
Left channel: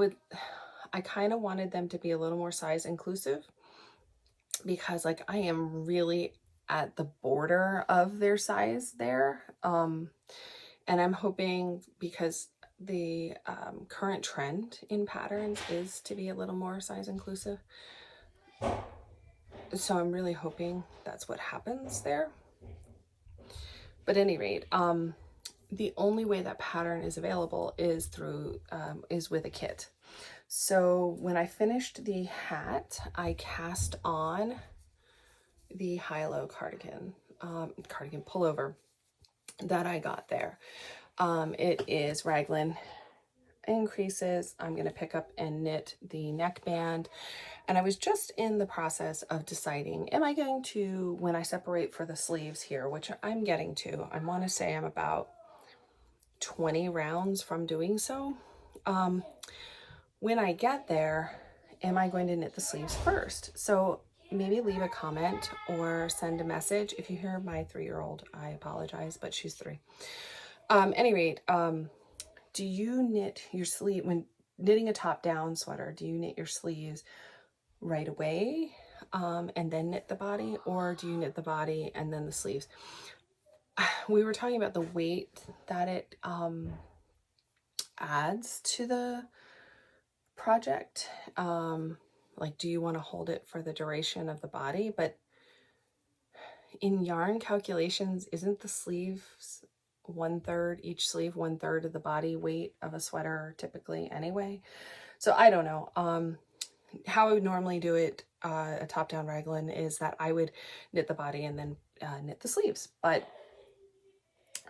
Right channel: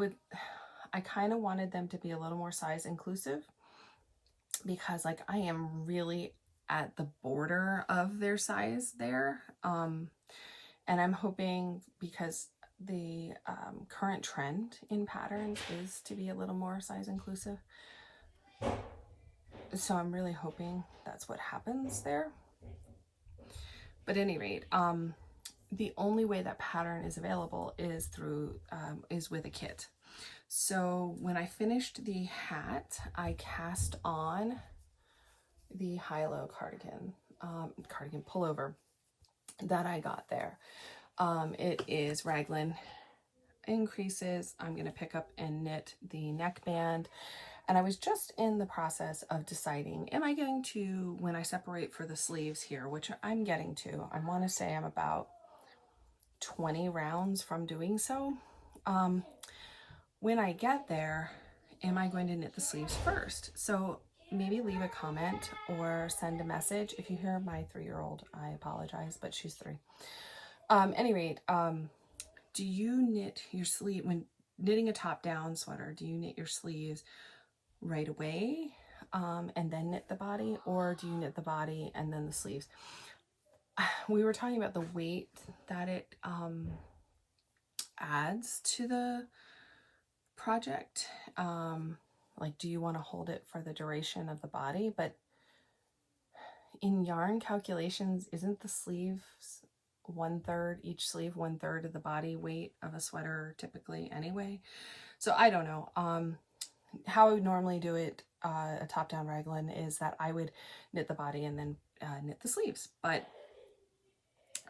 kind of wanted them to be a little more size inclusive, because like I am really at the border of their size there. And I'm hoping, because the current trend in patterns is to be a little more size inclusive. So I'm really hoping that's what happens there. But at any rate, the only way that pattern is available is through, is with a kit. So when I finished the hat, I cast on the high-low cardigan pullover that I got there. It is raglan increases. I'm going to pick up and knit the neckband. And I was just in the process of deciding, am I going to, when I separate for the sleeves here, which I'm getting to, I want to say I'm about 20 rounds from doing so. When I get there, am I going to knit the sleeves first? So maybe leave a comment or send a message. If you hear my 3-year-old, I apologize, but she's 3. Any rate, do you knit your sleeve when knitting a top-down sweater? Do you knit your sleeves right away and then knit the body, or do you knit the body and then the sleeves? We were talking about the weight that it adds to the project. Like, do you want to hold it for the duration of the body? But in yarn calculations, isn't the sleeves 1/3, each sleeve 1/3 of the body weight of a sweater typically anyway? So I don't know. How I would normally do it, a top-down raglan, is that I would knit the body and then knit the sleeves. But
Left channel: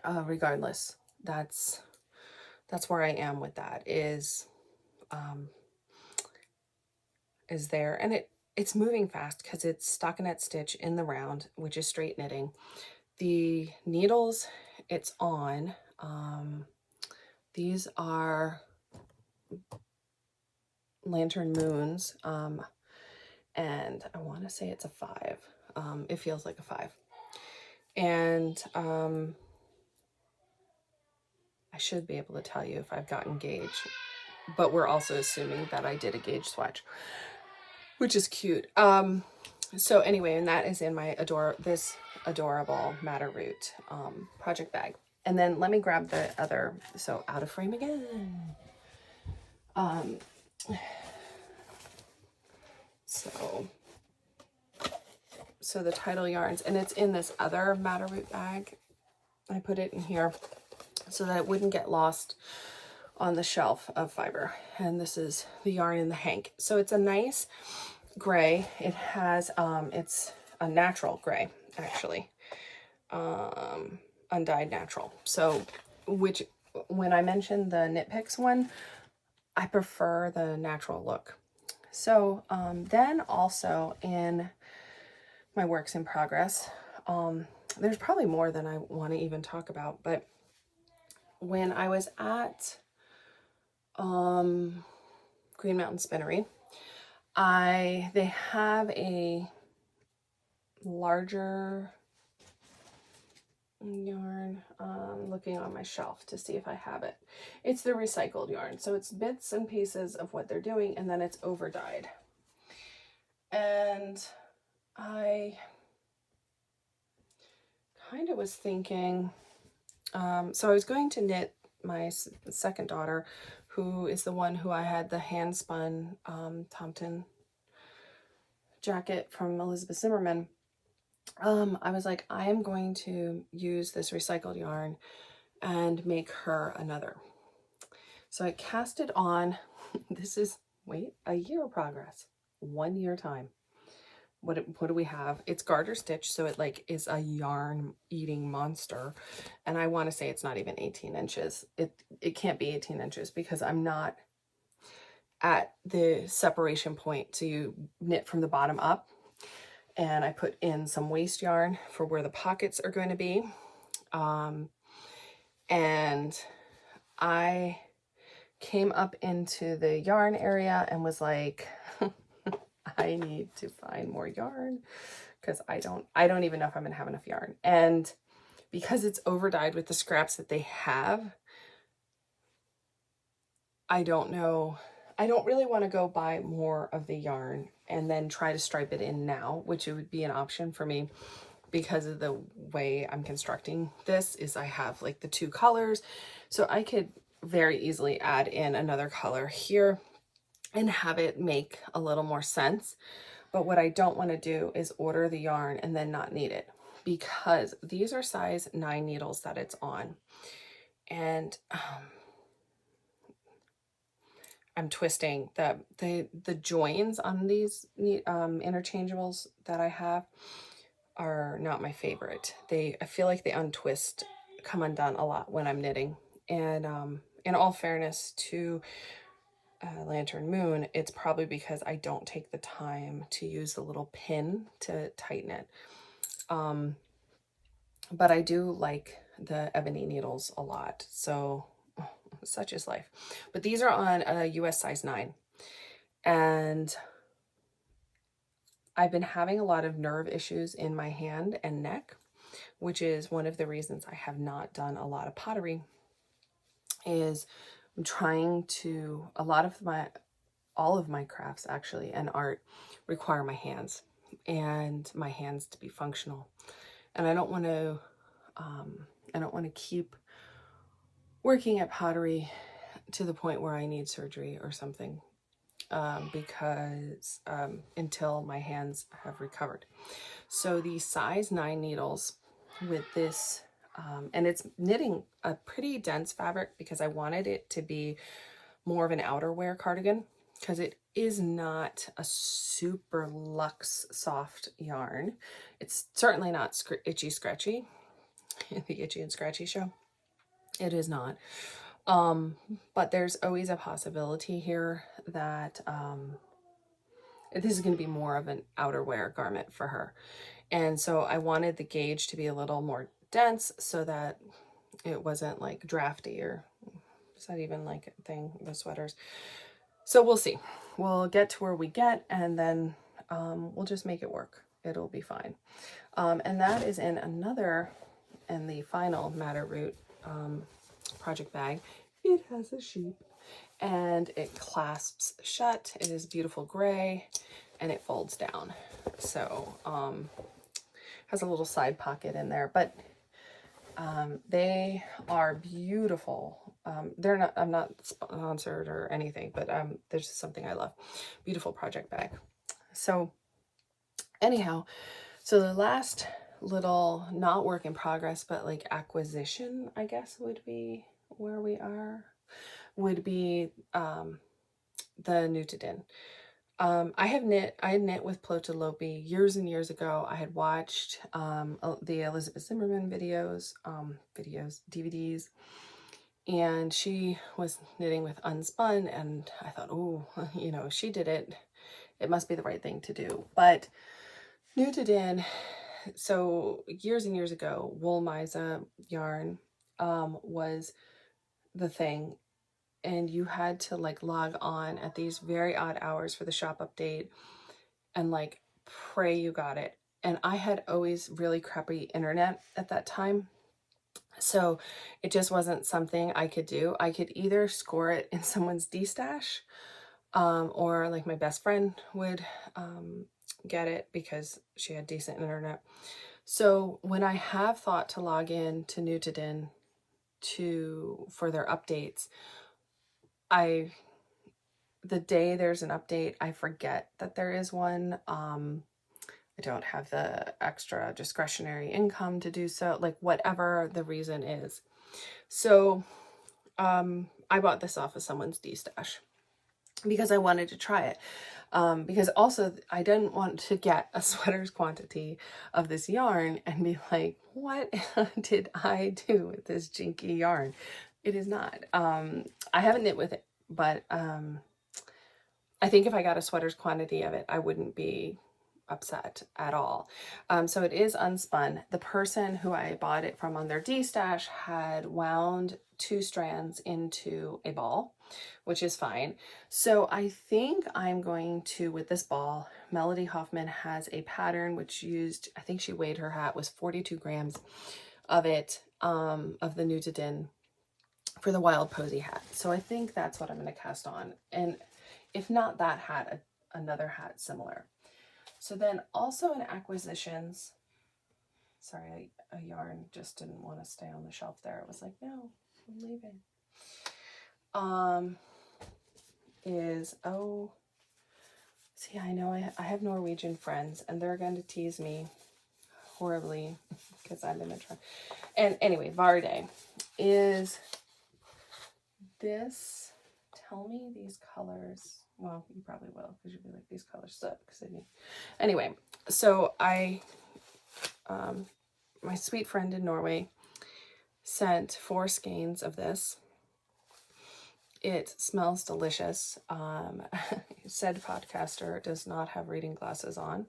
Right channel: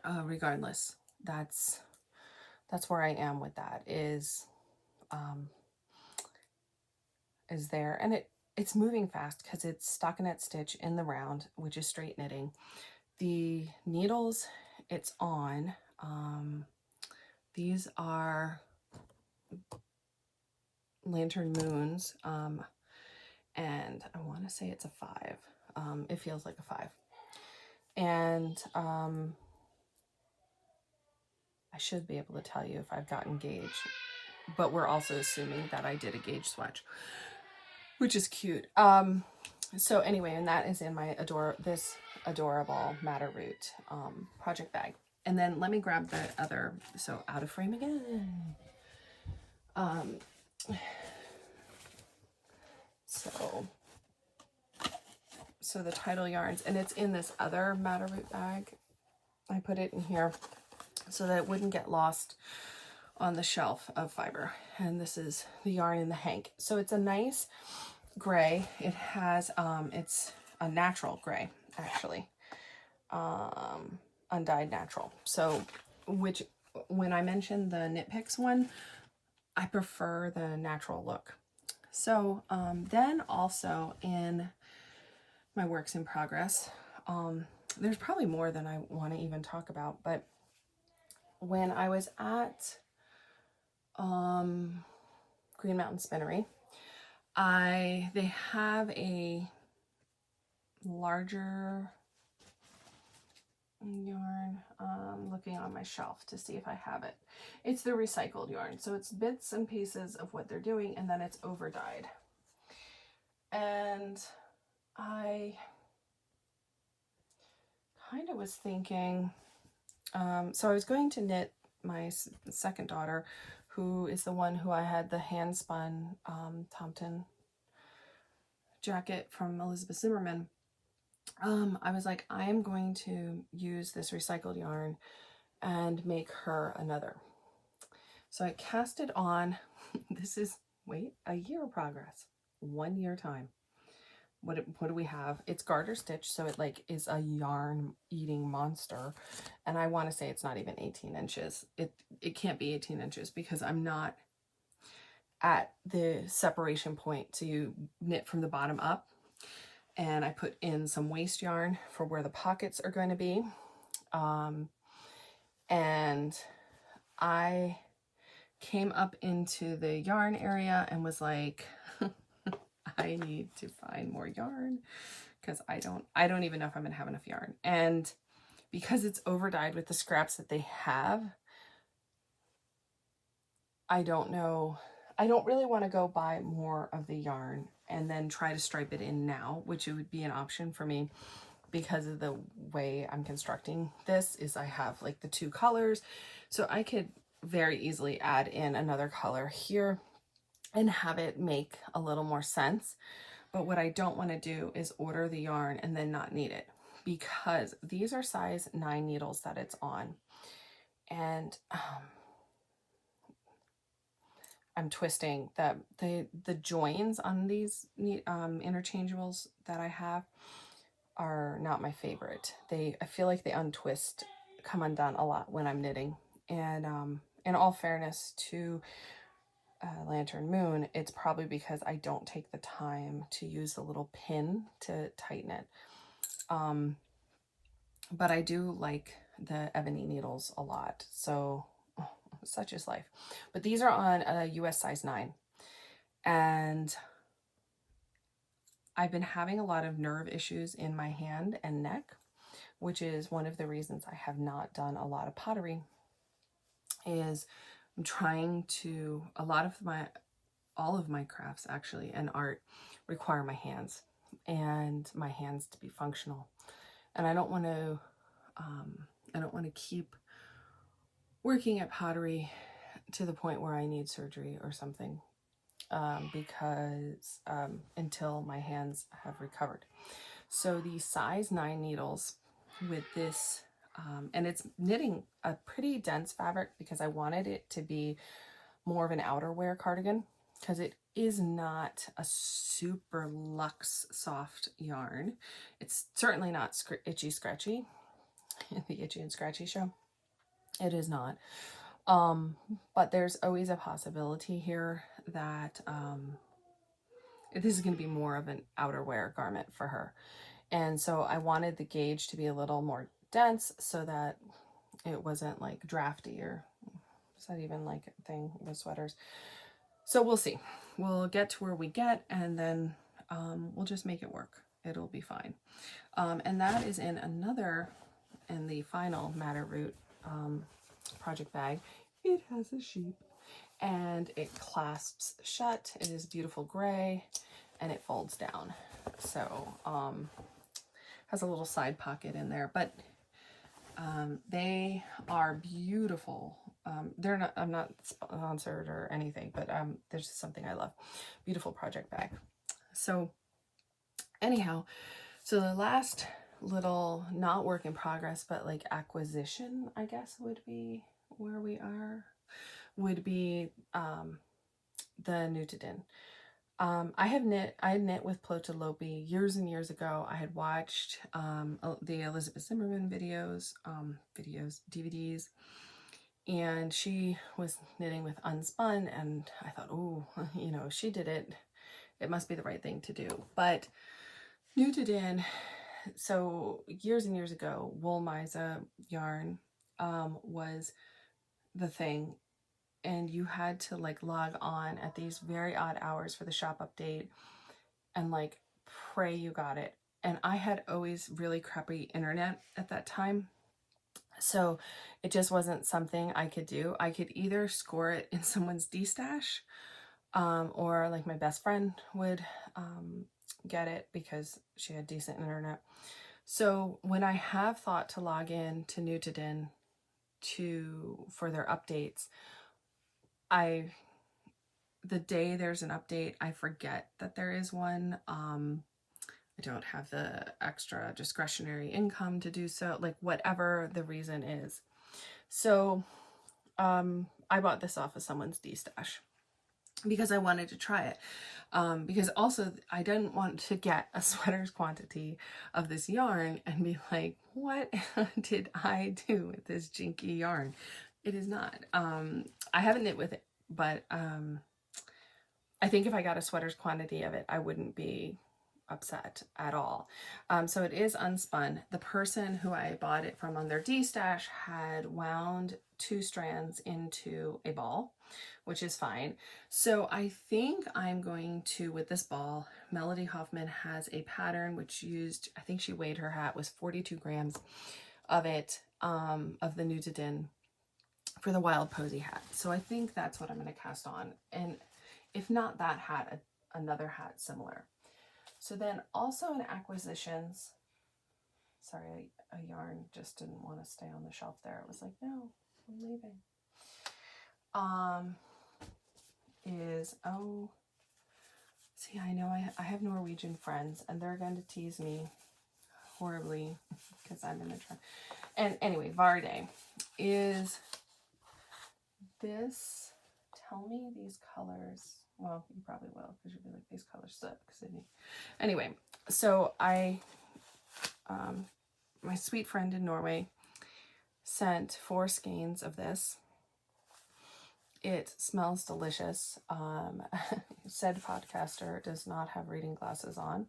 regardless, that's where I am with that, is there, and it's moving fast because it's stockinette stitch in the round, which is straight knitting. The needles it's on, these are Lantern Moons, and I want to say it's a 5. It feels like a 5, and I should be able to tell you if I've gotten gauge, but we're also assuming that I did a gauge swatch, which is cute. So anyway, and that is in my adorable Matter Root project bag. And then let me grab the other, so out of frame again. So the Title yarns, and it's in this other Matter Root bag. I put it in here so that it wouldn't get lost on the shelf of fiber. And this is the yarn in the hank. So it's a nice gray. It has it's a natural gray, actually, undyed natural. So, which, when I mentioned the Knit Picks one, I prefer the natural look. So then also in my works in progress, there's probably more than I want to even talk about, but when I was at Green Mountain Spinnery, they have a larger yarn. Looking on my shelf to see if I have it. It's the recycled yarn, so it's bits and pieces of what they're doing, and then it's over dyed. And I kind of was thinking, so I was going to knit my second daughter, who is the one who I had the hand spun Thompson jacket from Elizabeth Zimmerman. I was like, I am going to use this recycled yarn and make her another. So I cast it on. This is, wait, a year progress, 1 year time. What do we have? It's garter stitch, so it like is a yarn eating monster. And I want to say it's not even 18 inches. It can't be 18 inches because I'm not at the separation point to knit from the bottom up. And I put in some waste yarn for where the pockets are going to be. And I came up into the yarn area and was like, I need to find more yarn because I don't even know if I'm gonna have enough yarn. And because it's over dyed with the scraps that they have, I don't know. I don't really want to go buy more of the yarn and then try to stripe it in now, which it would be an option for me because of the way I'm constructing this. Is I have like the 2 colors, so I could very easily add in another color here and have it make a little more sense. But what I don't want to do is order the yarn and then not need it, because these are size 9 needles that it's on. And I'm twisting the joins on these interchangeables that I have are not my favorite. I feel like they untwist, come undone a lot when I'm knitting. And in all fairness to Lantern Moon, it's probably because I don't take the time to use the little pin to tighten it. But I do like the ebony needles a lot, so such is life. But these are on a US size 9, And I've been having a lot of nerve issues in my hand and neck, which is one of the reasons I have not done a lot of pottery. Is I'm trying to, all of my crafts actually and art require my hands to be functional. And I don't want to keep working at pottery to the point where I need surgery or something, because until my hands have recovered. So these size 9 needles with this, and it's knitting a pretty dense fabric because I wanted it to be more of an outerwear cardigan, because it is not a super luxe soft yarn. It's certainly not itchy scratchy, the itchy and scratchy show. It is not. But there's always a possibility here that this is going to be more of an outerwear garment for her. And so I wanted the gauge to be a little more dense so that it wasn't like drafty, or is that even like a thing with sweaters? So we'll see. We'll get to where we get, and then we'll just make it work. It'll be fine. And that is in the final Madder Root project bag. It has a sheep and it clasps shut. It is beautiful gray and it folds down. So has a little side pocket in there, but they are beautiful. They're not, I'm not sponsored or anything, but there's just something I love. Beautiful project bag. So anyhow, so the last little, not work in progress, but like acquisition, I guess would be where we are, would be the Nutidin. I had knit with Plotalopi years and years ago. I had watched the Elizabeth Zimmerman videos, DVDs, and she was knitting with Unspun, and I thought, oh, you know, she did it. It must be the right thing to do. But Nutidin, so years and years ago, Wool Miza yarn was the thing, and you had to like log on at these very odd hours for the shop update and like pray you got it. And I had always really crappy internet at that time, so it just wasn't something I could do. I could either score it in someone's D-stash, or like my best friend would get it because she had decent internet. So when I have thought to log in to Nutidin for their updates, the day there's an update, I forget that there is one. I don't have the extra discretionary income to do so, like whatever the reason is. So I bought this off of someone's D-stash because I wanted to try it. Because also I didn't want to get a sweater's quantity of this yarn and be like, what did I do with this jinky yarn? It is not. I haven't knit with it, but I think if I got a sweater's quantity of it, I wouldn't be upset at all. So it is unspun. The person who I bought it from on their D-stash had wound 2 strands into a ball, which is fine. So I think I'm going to, with this ball, Melody Hoffman has a pattern which used, I think she weighed her hat, was 42 grams of it, of the Nutidin for the Wild Posy hat. So I think that's what I'm going to cast on. And if not that hat, another hat similar. So then also in acquisitions, sorry, a yarn just didn't want to stay on the shelf there. It was like, no, I'm leaving. See, I know I have Norwegian friends and they're going to tease me horribly because I'm in the trend. And anyway, Varde is this, tell me these colors. Well, you probably will, because you'll be like, these colors suck, Sydney. Anyway, so my sweet friend in Norway sent 4 skeins of this. It smells delicious. Said podcaster does not have reading glasses on.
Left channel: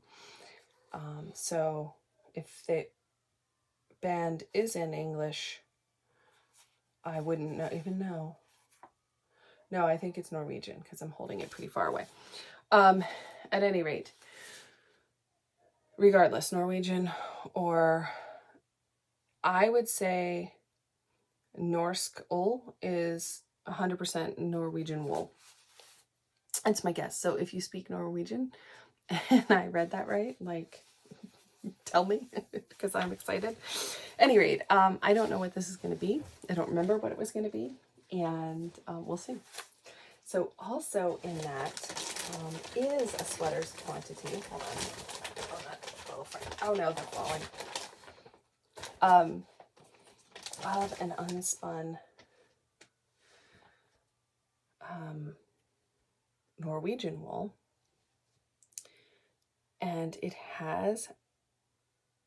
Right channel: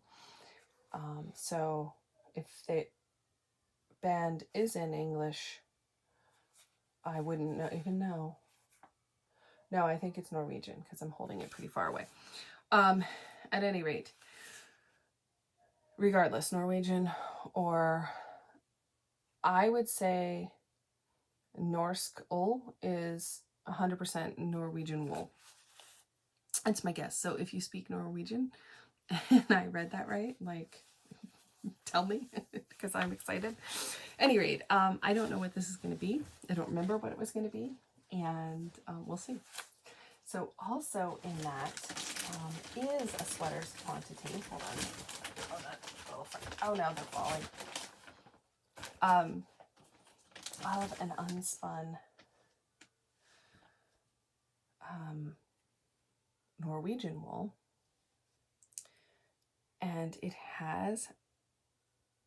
So if the band is in English, I wouldn't even know. No, I think it's Norwegian because I'm holding it pretty far away. At any rate, regardless, Norwegian, or I would say Norsk wool is 100% Norwegian wool. That's my guess. So if you speak Norwegian and I read that right, like, tell me because I'm excited. Any rate, I don't know what this is going to be. I don't remember what it was going to be, and we'll see. So also in that is a sweater's quantity. Hold on. Oh no, they're falling. Of an unspun Norwegian wool, and it has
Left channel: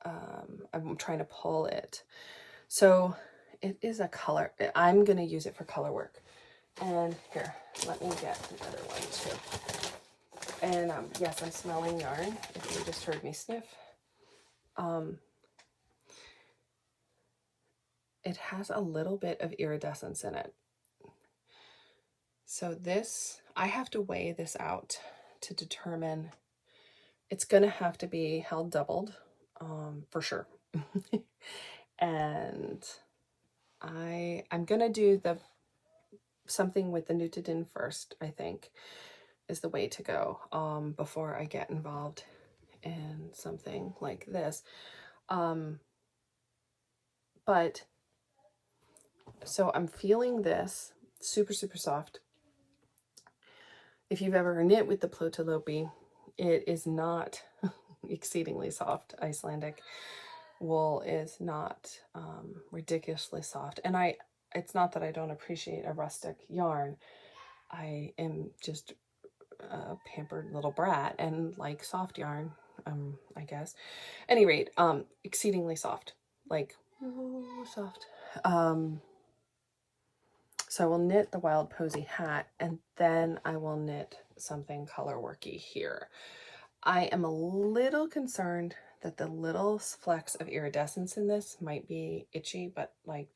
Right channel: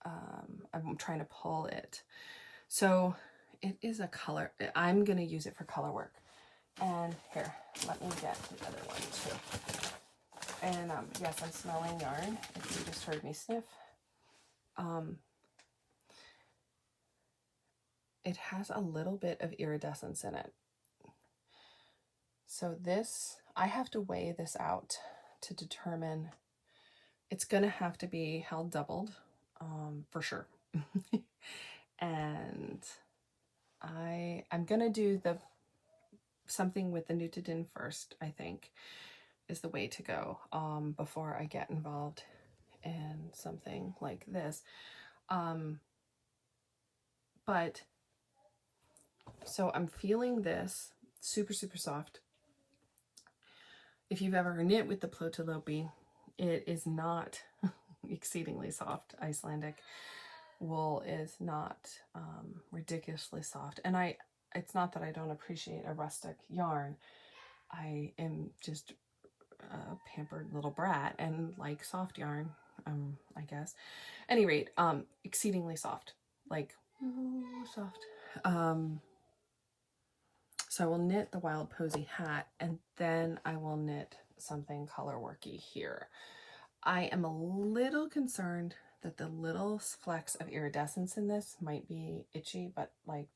I'm trying to pull it, so it is a color. I'm going to use it for color work. And here, let me get another one too. And yes, I'm smelling yarn, if you just heard me sniff. It has a little bit of iridescence in it. So this, I have to weigh this out to determine. It's going to have to be held doubled, for sure. And I'm going to do something with the knitted in first, I think, is the way to go, before I get involved in something like this. But so I'm feeling this super, super soft. If you've ever knit with the Plötulopi, it is not exceedingly soft. Icelandic wool is not ridiculously soft. And it's not that I don't appreciate a rustic yarn. I am just a pampered little brat and like soft yarn, I guess. Any rate, exceedingly soft, like soft. So I will knit the Wild Posy hat, and then I will knit something color worky here. I am a little concerned that the little flecks of iridescence in this might be itchy, but like,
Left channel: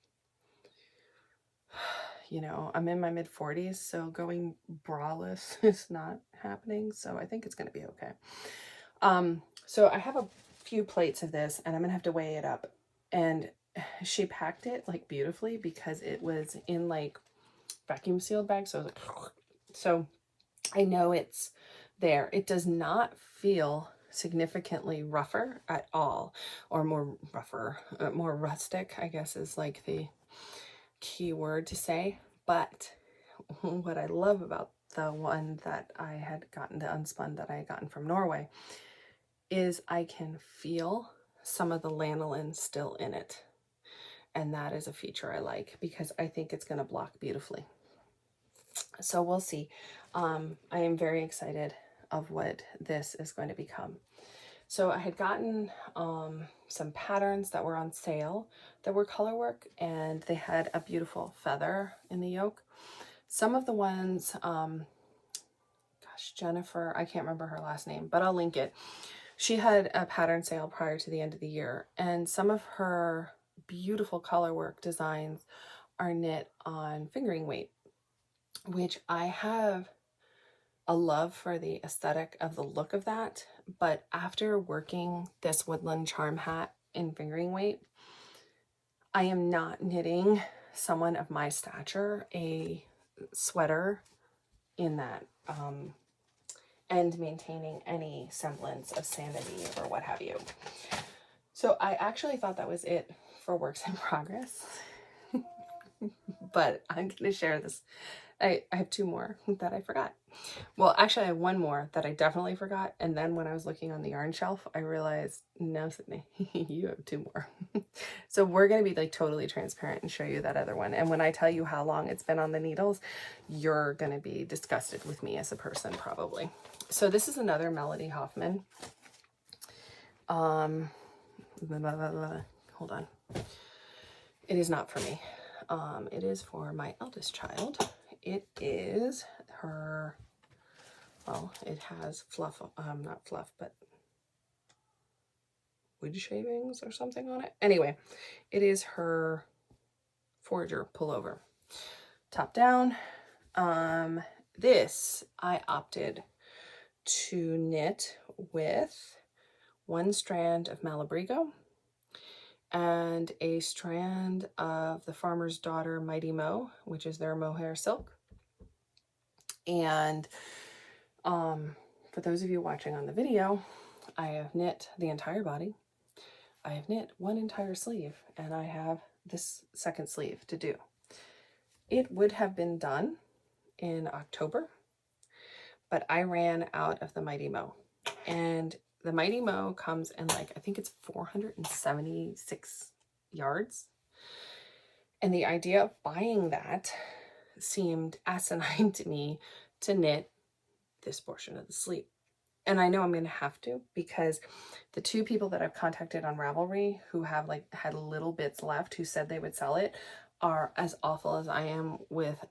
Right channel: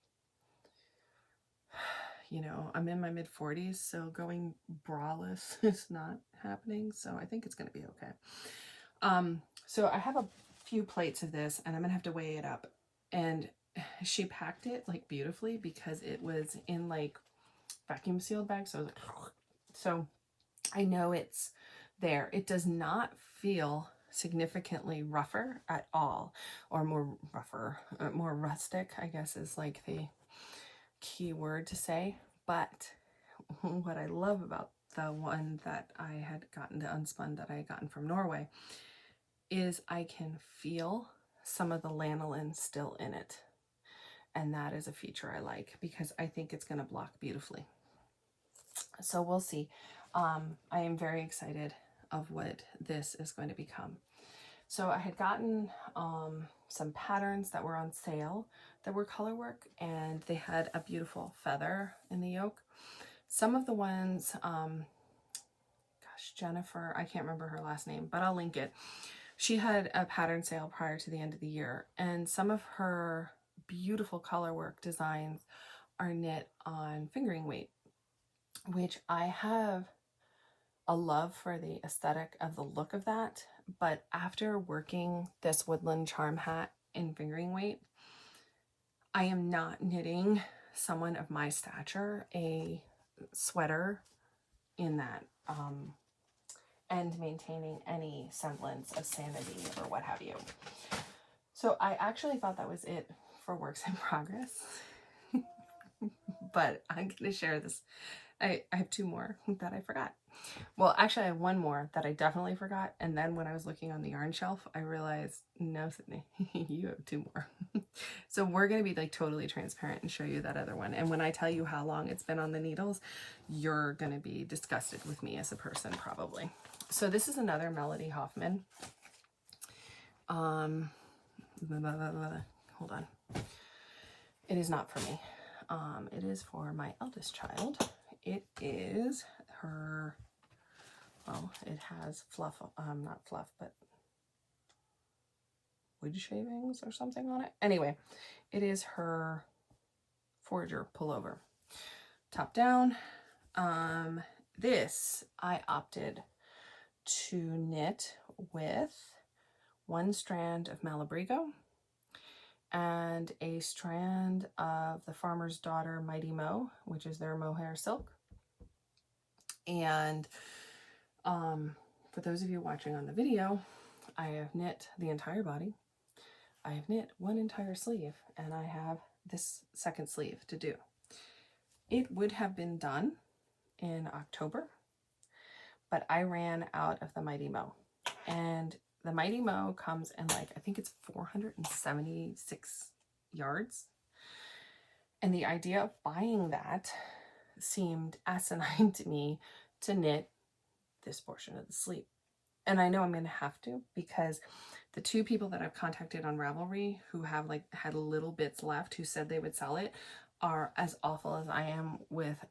you know, I'm in my mid-40s, so going braless is not happening. So I think it's going to be okay. So I have a few plates of this, and I'm going to have to weigh it up. And she packed it like beautifully because it was in like vacuum sealed bags. So I was like, so I know it's there. It does not feel significantly rougher at all, or more rustic, I guess is like the key word to say. But what I love about the one that I had gotten, the unspun that I had gotten from Norway, is I can feel some of the lanolin still in it. And that is a feature I like because I think it's going to block beautifully. So we'll see. I am very excited of what this is going to become. So I had gotten some patterns that were on sale that were color work, and they had a beautiful feather in the yoke. Some of the ones, gosh, Jennifer, I can't remember her last name, but I'll link it. She had a pattern sale prior to the end of the year, and some of her beautiful color work designs are knit on fingering weight, which I have a love for the aesthetic of the look of that. But after working this woodland charm hat in fingering weight, I am not knitting someone of my stature a sweater in that, and maintaining any semblance of sanity or what have you. So I actually thought that was it for works in progress. But I'm going to share this. I have two more that I forgot. Well, actually I have one more that I definitely forgot. And then when I was looking on the yarn shelf, I realized, no, Sydney, you have two more. So we're going to be like totally transparent and show you that other one. And when I tell you how long it's been on the needles, you're going to be disgusted with me as a person, probably. So this is another Melody Hoffman. Hold on. It is not for me. It is for my eldest child. It is her, well, it has fluff, not fluff, but wood shavings or something on it. Anyway, it is her forager pullover. Top down, This I opted to knit with one strand of Malabrigo and a strand of the Farmer's Daughter Mighty Mo, which is their mohair silk. And for those of you watching on the video, I have knit the entire body. I have knit one entire sleeve, and I have this second sleeve to do. It would have been done in October, but I ran out of the Mighty Mo. And the Mighty Mo comes in like, I think it's 476 yards. And the idea of buying that seemed asinine to me to knit this portion of the sleeve. And I know I'm going to have to, because the two people that I've contacted on Ravelry who have like had little bits left who said they would sell it are as awful as I am with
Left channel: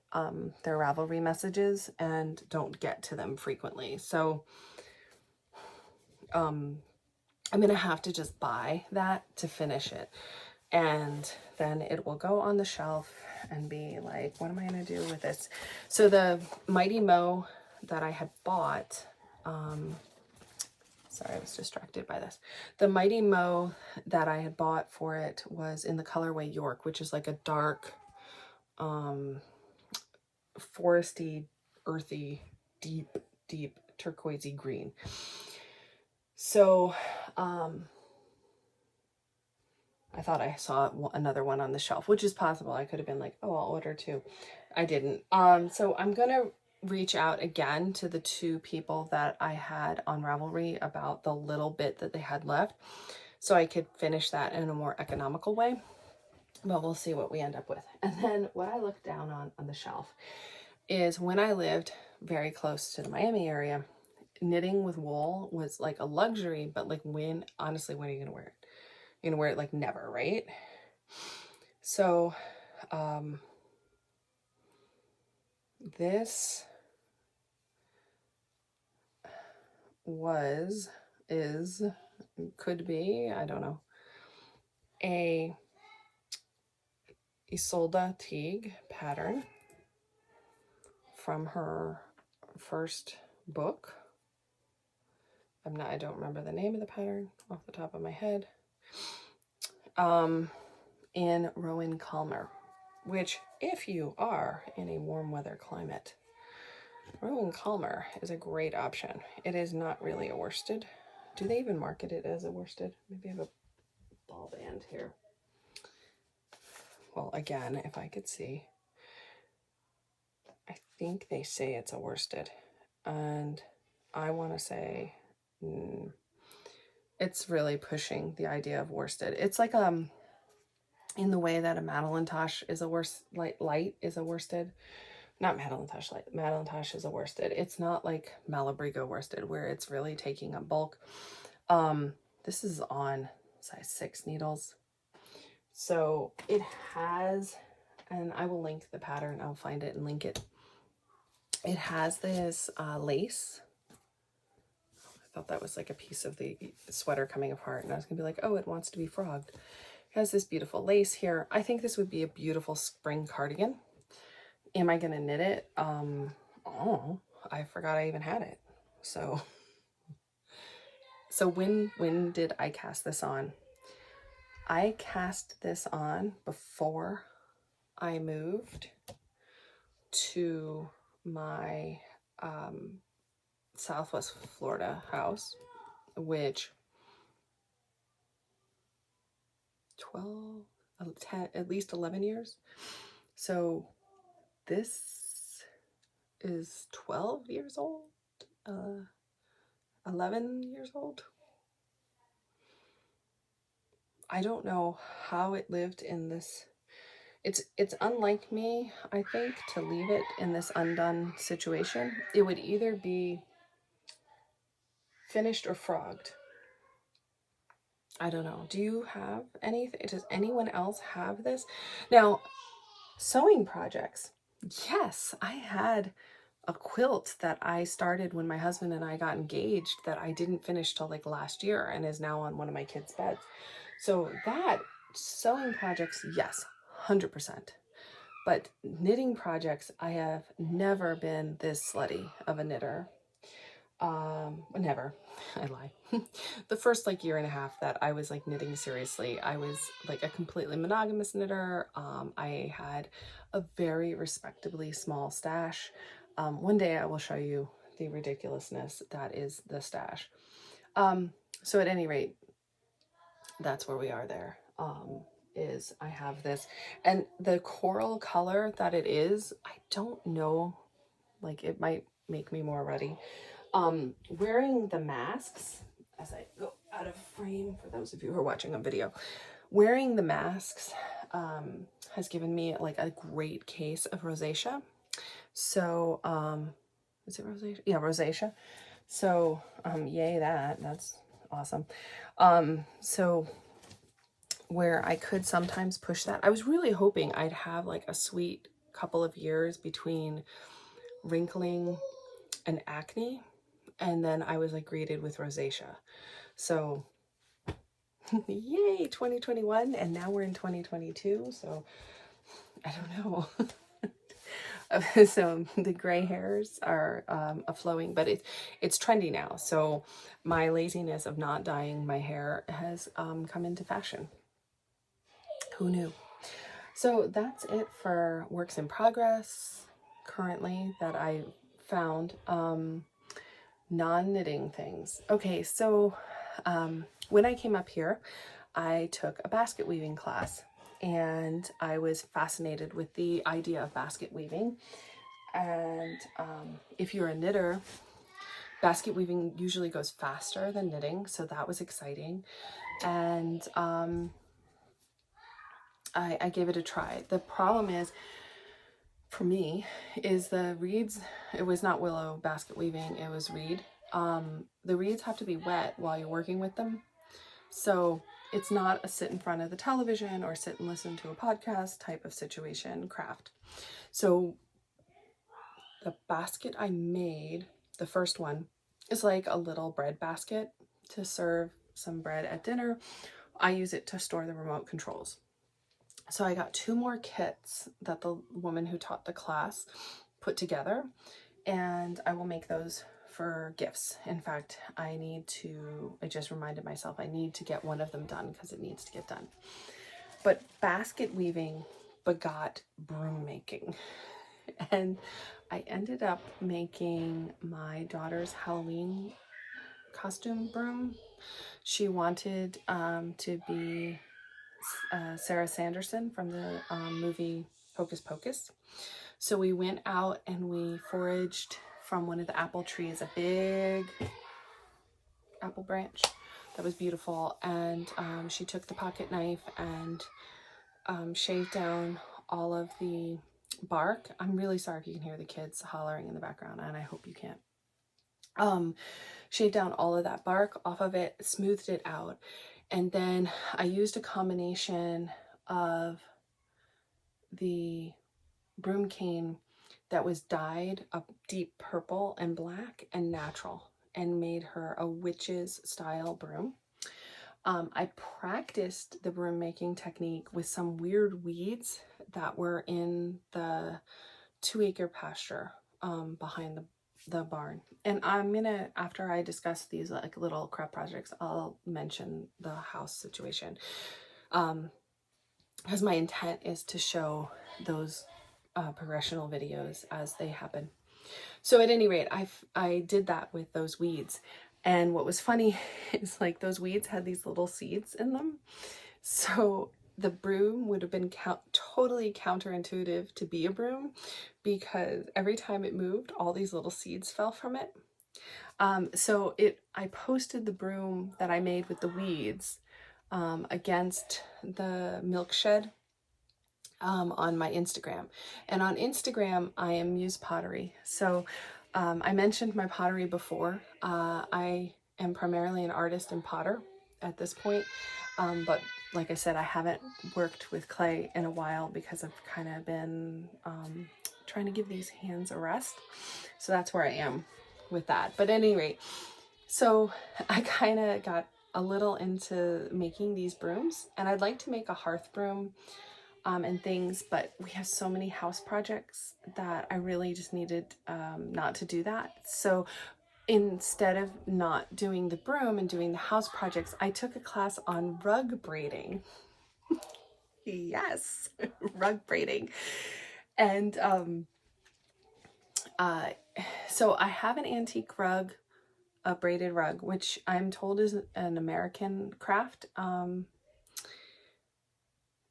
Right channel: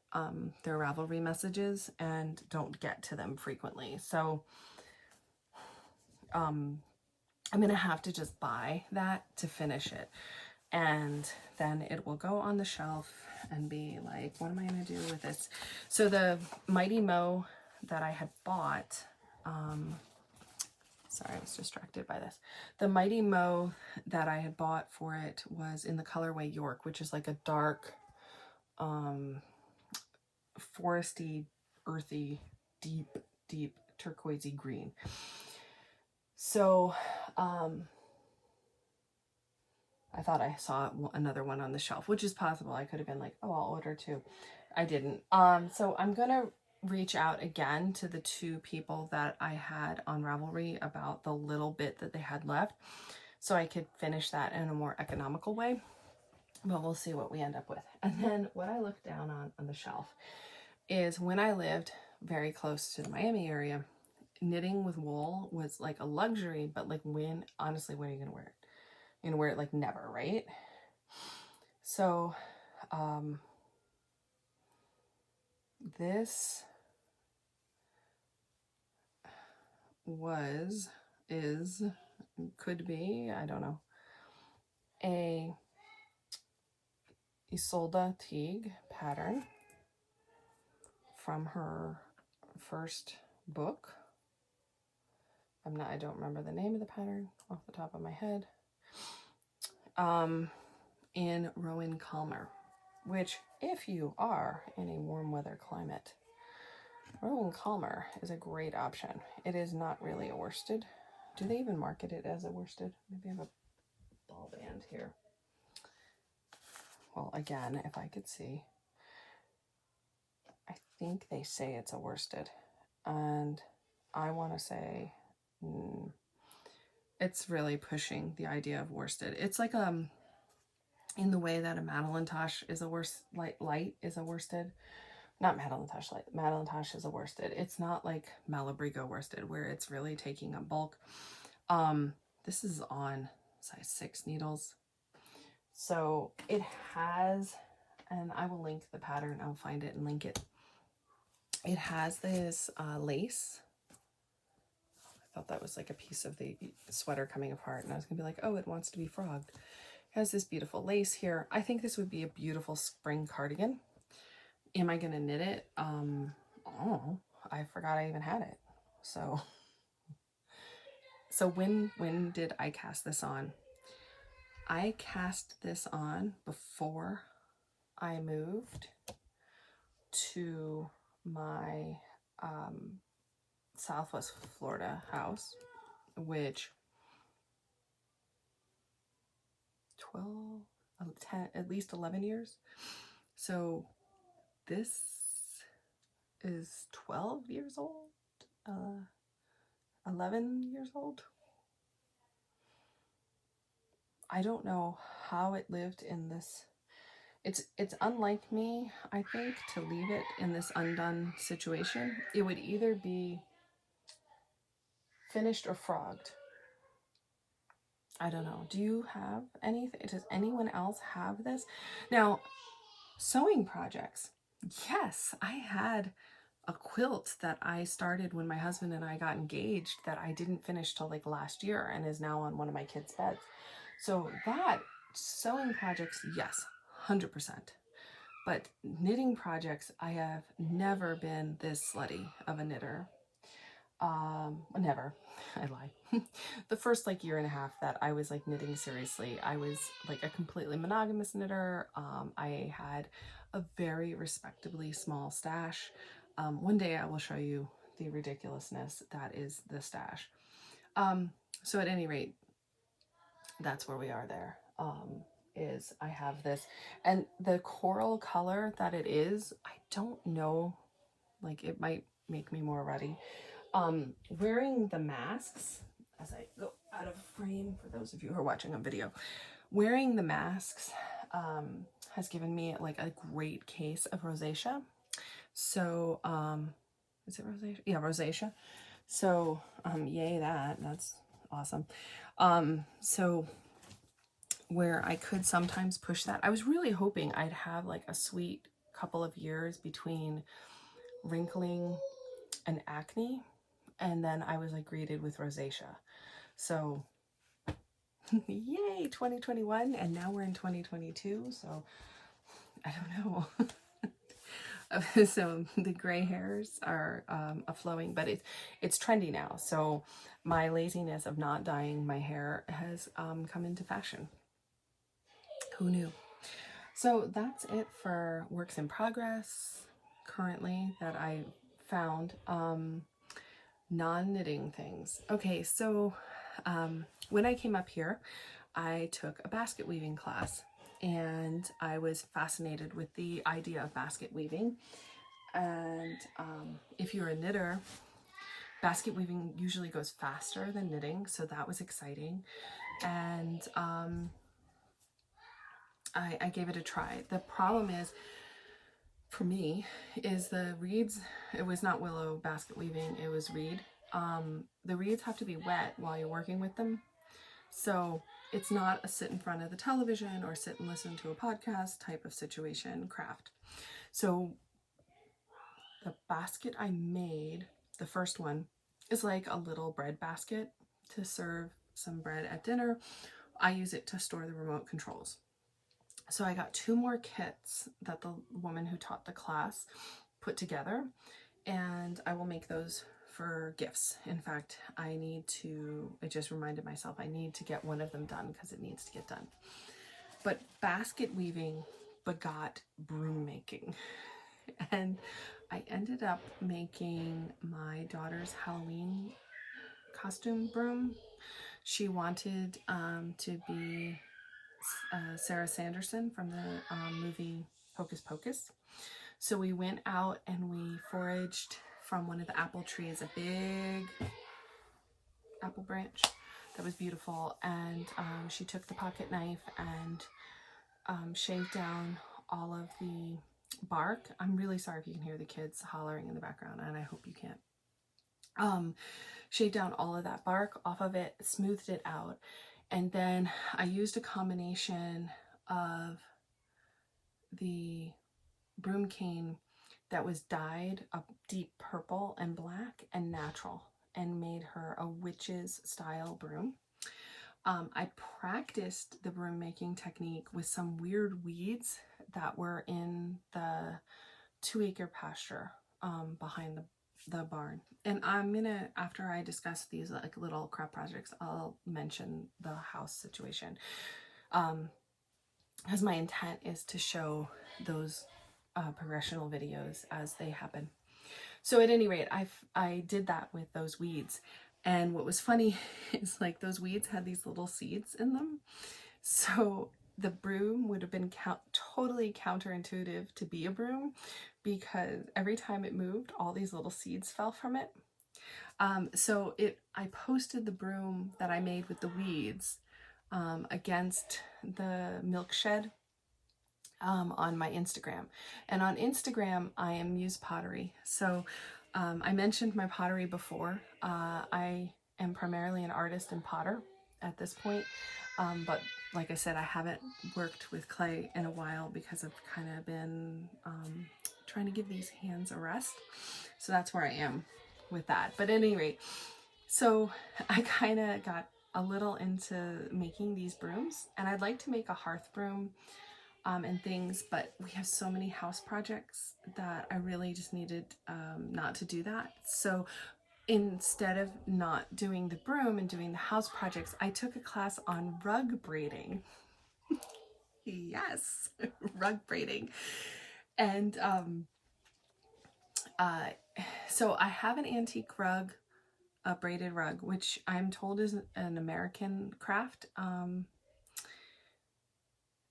their Ravelry messages and don't get to them frequently. So I'm going to have to just buy that to finish it. And then it will go on the shelf and be like, what am I going to do with this? So the Mighty Mo that I had bought, sorry, I was distracted by this. The Mighty Mo that I had bought for it was in the colorway York, which is like a dark, foresty, earthy, deep turquoisey green. So, I thought I saw another one on the shelf, which is possible. I could have been like, oh, I'll order two. I didn't. So I'm going to reach out again to the two people that I had on Ravelry about the little bit that they had left so I could finish that in a more economical way. But we'll see what we end up with. And then what I looked down on the shelf is when I lived very close to the Miami area, knitting with wool was like a luxury, but like honestly, when are you going to wear it? You're gonna wear it like never, right? So this could be, I don't know, a Isolde Teague pattern from her first book. I don't remember the name of the pattern off the top of my head. In Rowan Calmer, which if you are in a warm weather climate, Rowan Calmer is a great option. It is not really a worsted. Do they even market it as a worsted? Maybe I have a ball band here. Well, again, if I could see, I think they say it's a worsted, and I want to say it's really pushing the idea of worsted. It's like in the way that a Madelinetosh is a light is a worsted. Not Madelinetosh light. Madelinetosh is a worsted. It's not like Malabrigo worsted where it's really taking up bulk. This is on size 6 needles. So it has, and I will link the pattern. I'll find it and link it. It has this lace. I thought that was like a piece of the sweater coming apart, and I was gonna be like, oh, it wants to be frogged. It has this beautiful lace here. I think this would be a beautiful spring cardigan. Am I gonna knit it? Oh, I forgot I even had it. So when did I cast this on? I cast this on before I moved to my Southwest Florida house, which 10, at least 11 years. So this is 12 years old, 11 years old. I don't know how it lived in this. It's unlike me, I think, to leave it in this undone situation. It would either be finished or frogged. I don't know. Do you have anything? Does anyone else have this? Now, sewing projects. Yes, I had a quilt that I started when my husband and I got engaged that I didn't finish till like last year and is now on one of my kids' beds. So that sewing projects, yes, 100%. But knitting projects, I have never been this slutty of a knitter. Never. I lie. The first like year and a half that I was like knitting seriously, I was like a completely monogamous knitter. I had a very respectably small stash. One day I will show you the ridiculousness that is the stash. So at any rate, that's where we are there. Is I have this, and the coral color that it is, I don't know, like it might make me more ruddy. Wearing the masks, as I go out of frame for those of you who are watching on video, wearing the masks has given me like a great case of rosacea. So, is it rosacea? Yeah, rosacea. So, yay that's awesome. So where I could sometimes push that, I was really hoping I'd have like a sweet couple of years between wrinkling and acne, and then I was like greeted with rosacea. So yay, 2021, and now we're in 2022, so I don't know. So the gray hairs are flowing, but it's trendy now. So my laziness of not dyeing my hair has come into fashion. Who knew? So that's it for works in progress currently that I found. Non-knitting things. Okay, so when I came up here, I took a basket weaving class, and I was fascinated with the idea of basket weaving. And if you're a knitter, basket weaving usually goes faster than knitting, so that was exciting. And I gave it a try. The problem is, for me, is the reeds, it was not willow basket weaving, it was reed. The reeds have to be wet while you're working with them. So it's not a sit in front of the television or sit and listen to a podcast type of situation craft. So the basket I made, the first one, is like a little bread basket to serve some bread at dinner. I use it to store the remote controls. So I got 2 more kits that the woman who taught the class put together, and I will make those for gifts. In fact, I just reminded myself I need to get one of them done because it needs to get done. But basket weaving begot broom making. And I ended up making my daughter's Halloween costume broom. She wanted to be Sarah Sanderson from the movie Hocus Pocus. So we went out and we foraged from one of the apple trees, a big apple branch that was beautiful. And she took the pocket knife and shaved down all of the bark. I'm really sorry if you can hear the kids hollering in the background, and I hope you can't. Shaved down all of that bark off of it, smoothed it out, and then I used a combination of the broom cane that was dyed a deep purple and black and natural, and made her a witch's style broom. I practiced the broom making technique with some weird weeds that were in the 2-acre pasture behind the barn. And I'm gonna, after I discuss these like little craft projects, I'll mention the house situation, because my intent is to show those progressional videos as they happen. So at any rate, I did that with those weeds. And what was funny is like those weeds had these little seeds in them. So the broom would have been totally counterintuitive to be a broom, because every time it moved, all these little seeds fell from it. So I posted the broom that I made with the weeds against the milk shed on my Instagram. And on Instagram, I am Muse Pottery. So I mentioned my pottery before. I am primarily an artist and potter at this point. But like I said, I haven't worked with clay in a while because I've kind of been trying to give these hands a rest. So that's where I am with that. But at any rate, so I kind of got a little into making these brooms, and I'd like to make a hearth broom and things, but we have so many house projects that I really just needed not to do that. So instead of not doing the broom and doing the house projects, I took a class on rug braiding. Yes, rug braiding. And so I have an antique rug, a braided rug, which I'm told is an American craft.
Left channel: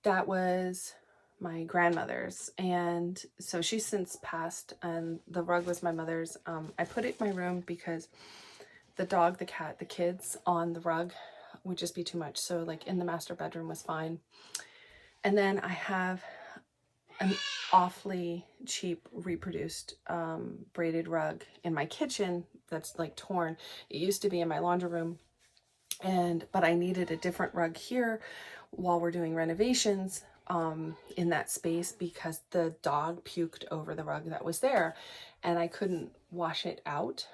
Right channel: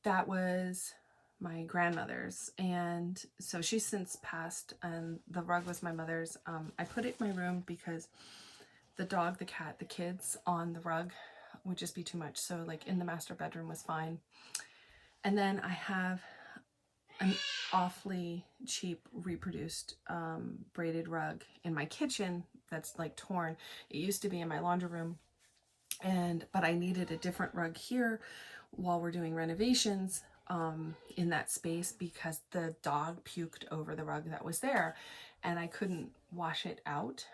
That was my grandmother's, and so she's since passed, and the rug was my mother's. I put it in my room because the dog, the cat, the kids on the rug would just be too much. So like in the master bedroom was fine. And then I have an awfully cheap reproduced braided rug in my kitchen that's like torn. It used to be in my laundry room, but I needed a different rug here while we're doing renovations in that space because the dog puked over the rug that was there and I couldn't wash it out.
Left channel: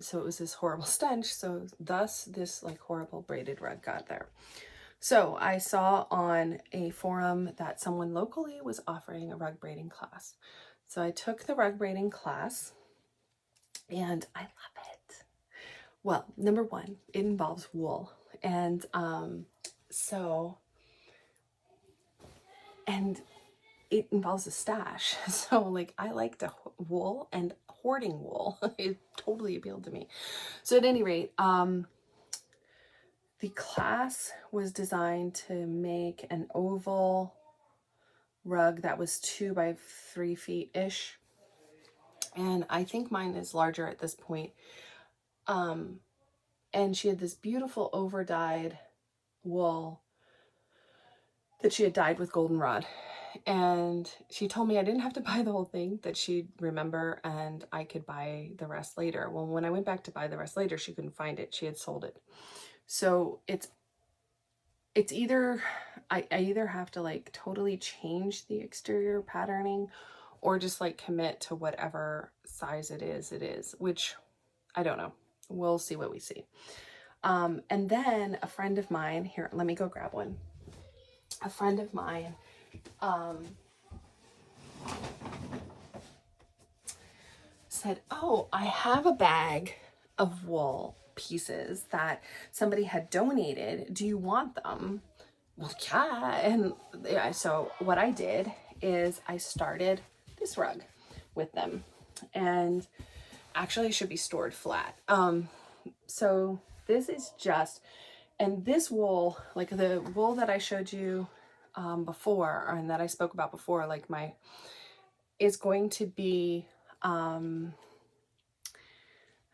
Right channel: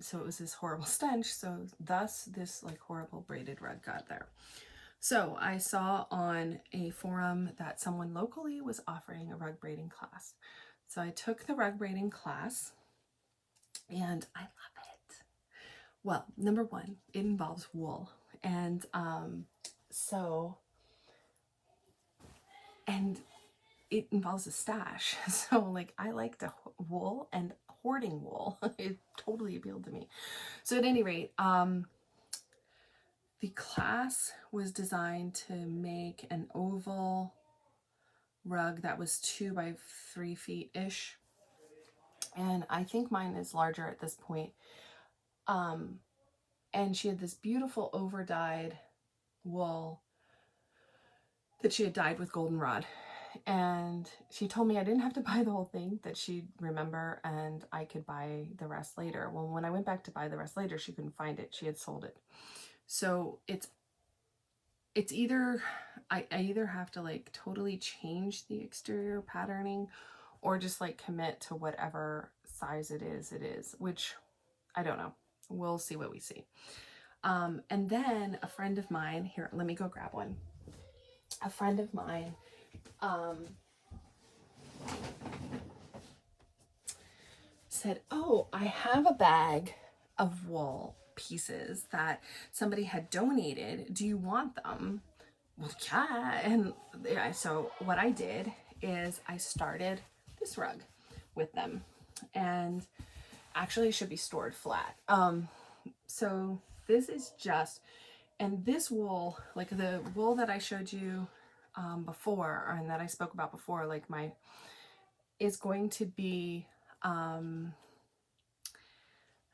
So it was this horrible stench. So thus this like horrible braided rug got there. So I saw on a forum that someone locally was offering a rug braiding class. So I took the rug braiding class and I love it. Well, number one, it involves wool. And it involves a stash. So like I like to wool, and hoarding wool, it totally appealed to me. So at any rate, the class was designed to make an oval rug that was 2 by 3 feet ish. And I think mine is larger at this point. And she had this beautiful over dyed wool that she had dyed with goldenrod. And she told me I didn't have to buy the whole thing, that she'd remember and I could buy the rest later. Well, when I went back to buy the rest later, she couldn't find it. She had sold it. So it's either, I either have to like totally change the exterior patterning or just like commit to whatever size it is, which I don't know. We'll see what we see. And then a friend of mine, here, let me go grab one. A friend of mine, said, oh, I have a bag of wool pieces that somebody had donated. Do you want them? Well, yeah. And yeah, so what I did is I started this rug with them, and actually it should be stored flat. So this is just, and this wool, like the wool that I showed you before, and that I spoke about before, like is going to be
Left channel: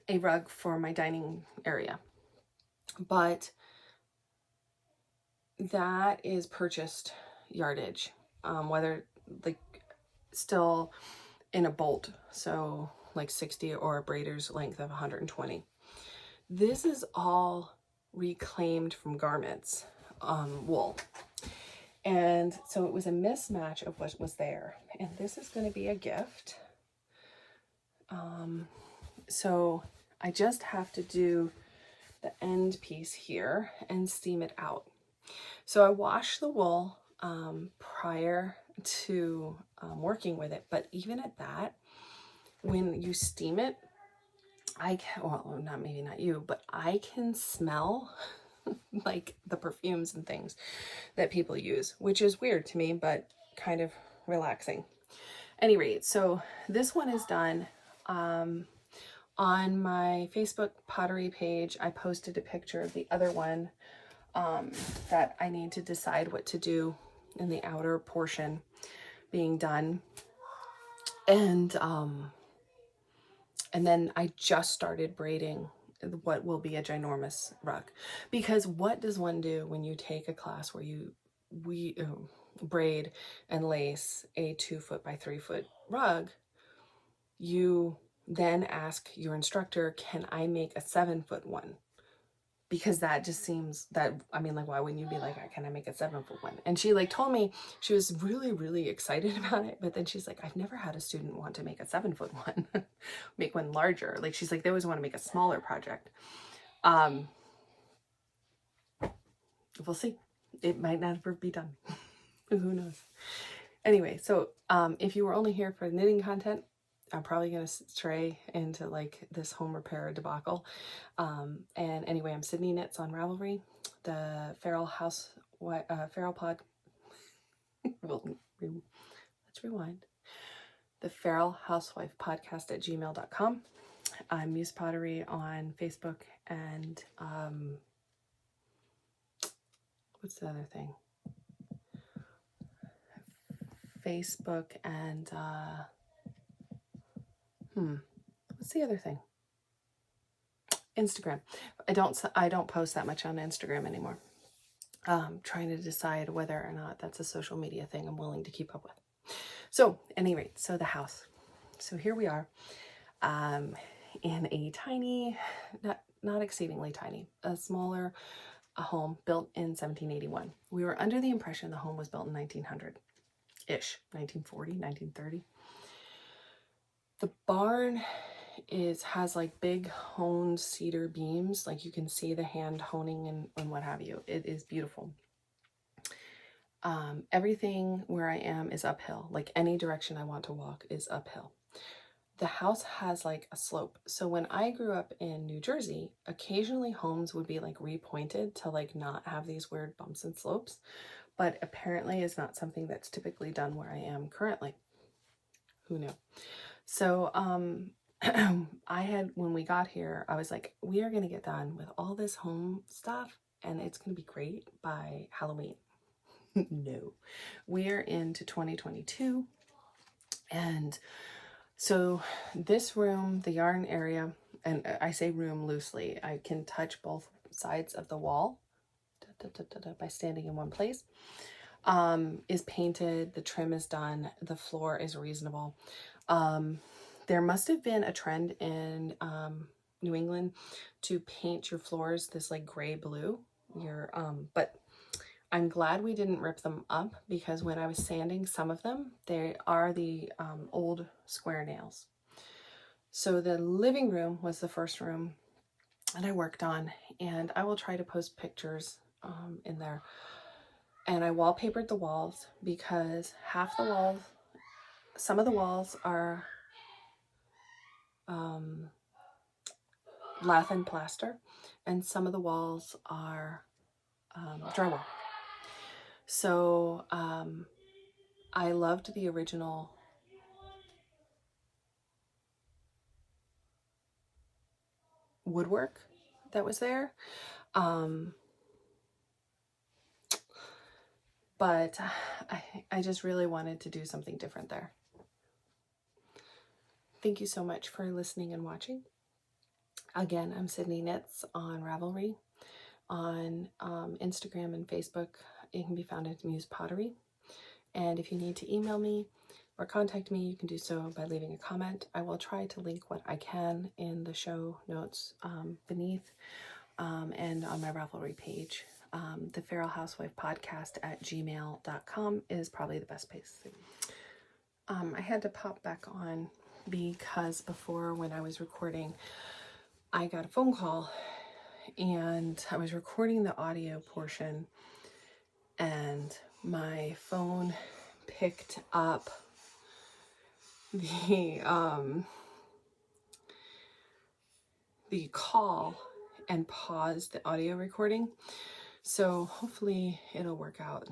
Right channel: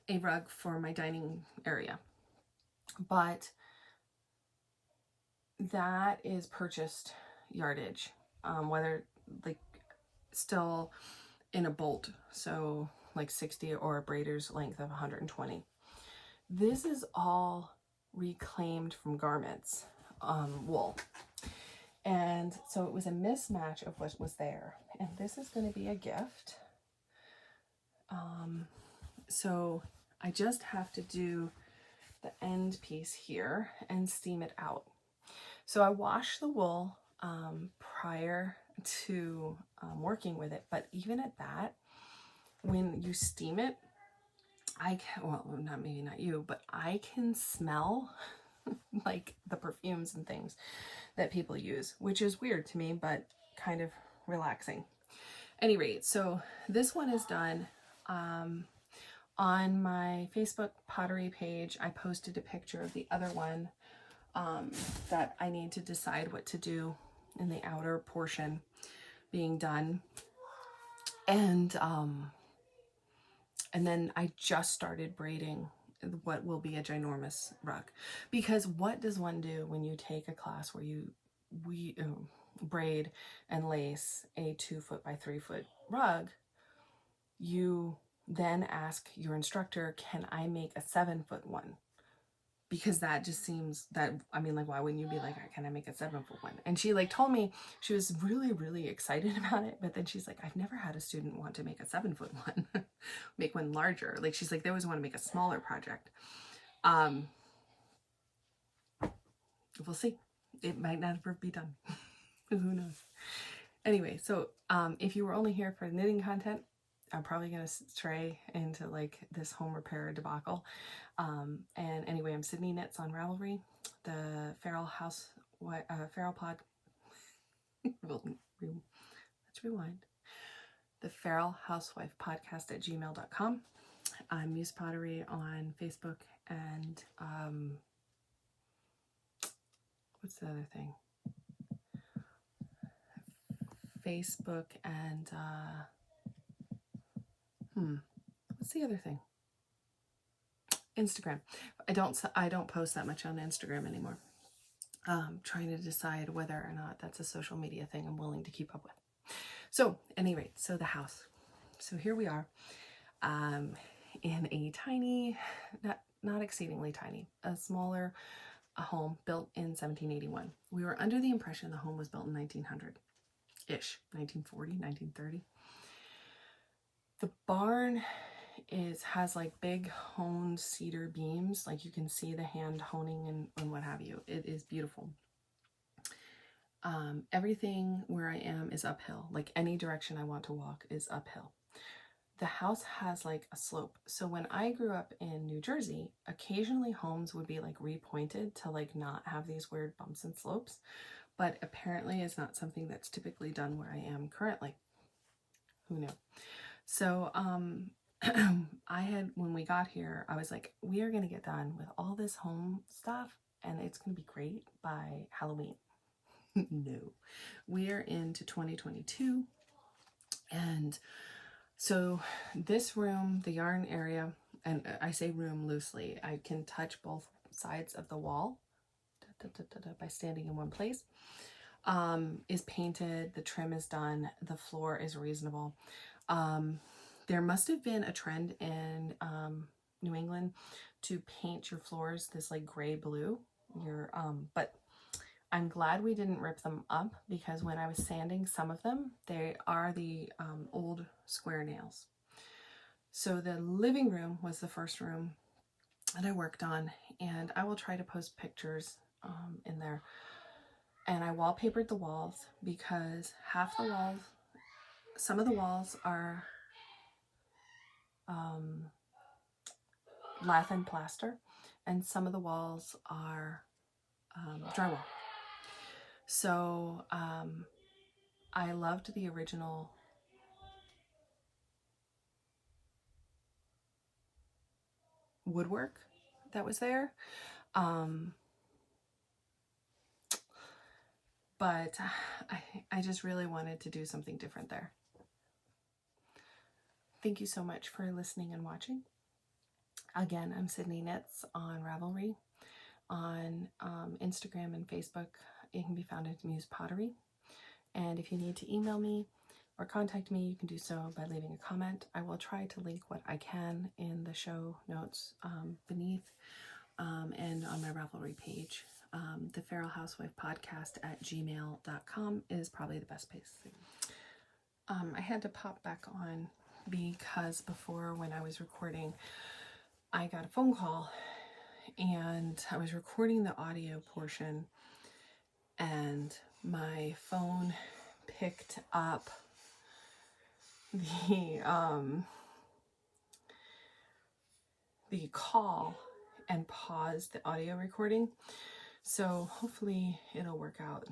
a rug for my dining area, but that is purchased yardage, whether like still in a bolt, so like 60, or a braider's length of 120. This is all reclaimed from garments wool, and so it was a mismatch of what was there, and this is going to be a gift. So I just have to do the end piece here and steam it out. So I wash the wool prior to working with it, but even at that, when you steam it, well, maybe not you, but I can smell like the perfumes and things that people use, which is weird to me, but kind of relaxing. Any rate, so this one is done. On my Facebook pottery page, I posted a picture of the other one that I need to decide what to do in the outer portion being done. And then I just started braiding what will be a ginormous rug, because what does one do when you take a class where we braid and lace a 2 foot by 3 foot rug? You then ask your instructor, can I make a 7 foot one? Because that just seems that, I mean, like, why wouldn't you be like, can I make a 7 foot one? And she like told me she was really, really excited about it. But then she's like, I've never had a student want to make a 7 foot one, make one larger. Like, she's like, they always want to make a smaller project. We'll see. It might never be done. Who knows? Anyway, so if you were only here for knitting content, I'm probably going to stray into like this home repair debacle. And anyway, I'm Sydney Knits on Ravelry, the Feral Feral Pod. Let's rewind. The Feral Housewife Podcast at gmail.com. I'm Muse Pottery on Facebook and what's the other thing? Facebook and what's the other thing? Instagram. I don't post that much on Instagram anymore. Trying to decide whether or not that's a social media thing I'm willing to keep up with. So, at any rate, so the house. So here we are, in a tiny, not exceedingly tiny, a smaller home built in 1781. We were under the impression the home was built in 1900-ish, 1940, 1930. The barn has like big honed cedar beams, like you can see the hand honing and what have you. It is beautiful. Everything where I am is uphill. Like any direction I want to walk is uphill. The house has like a slope. So when I grew up in New Jersey, occasionally homes would be like repointed to like not have these weird bumps and slopes, but apparently it's not something that's typically done where I am currently. Who knew? So when we got here, I was like, we are going to get done with all this home stuff and it's going to be great by Halloween. No, we're into 2022. And so this room, the yarn area, and I say room loosely, I can touch both sides of the wall by standing in one place, is painted. The trim is done. The floor is reasonable. There must have been a trend in New England to paint your floors this like gray blue. But I'm glad we didn't rip them up, because when I was sanding some of them, they are the old square nails. So the living room was the first room that I worked on, and I will try to post pictures in there. And I wallpapered the walls because some of the walls are lath and plaster, and some of the walls are drywall. So I loved the original woodwork that was there, but I just really wanted to do something different there. Thank you so much for listening and watching. Again, I'm Sydney Knits on Ravelry. On Instagram and Facebook, it can be found as Muse Pottery. And if you need to email me or contact me, you can do so by leaving a comment. I will try to link what I can in the show notes beneath and on my Ravelry page. The Feral Housewife Podcast at gmail.com is probably the best place. I had to pop back on because before, when I was recording, I got a phone call and I was recording the audio portion and my phone picked up the call and paused the audio recording. So hopefully it'll work out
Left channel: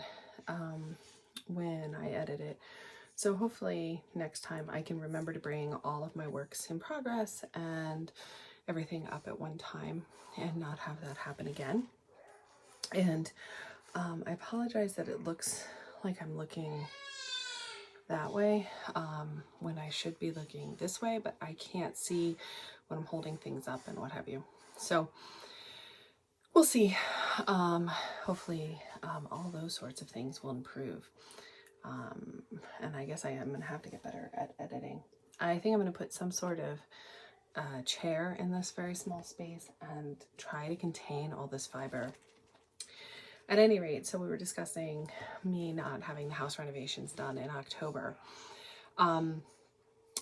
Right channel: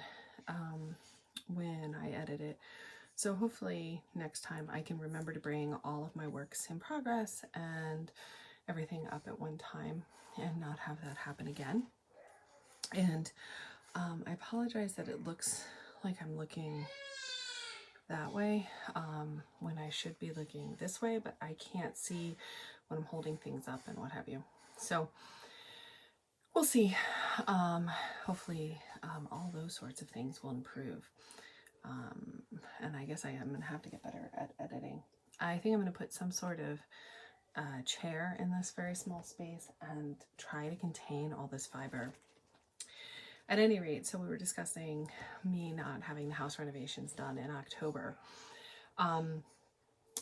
when I edit it. So hopefully next time I can remember to bring all of my works in progress and everything up at one time and not have that happen again. And I apologize that it looks like I'm looking that way when I should be looking this way, but I can't see when I'm holding things up and what have you. So we'll see. Hopefully all those sorts of things will improve. And I guess I am going to have to get better at editing. I think I'm going to put some sort of chair in this very small space and try to contain all this fiber. At any rate, so we were discussing me not having the house renovations done in October.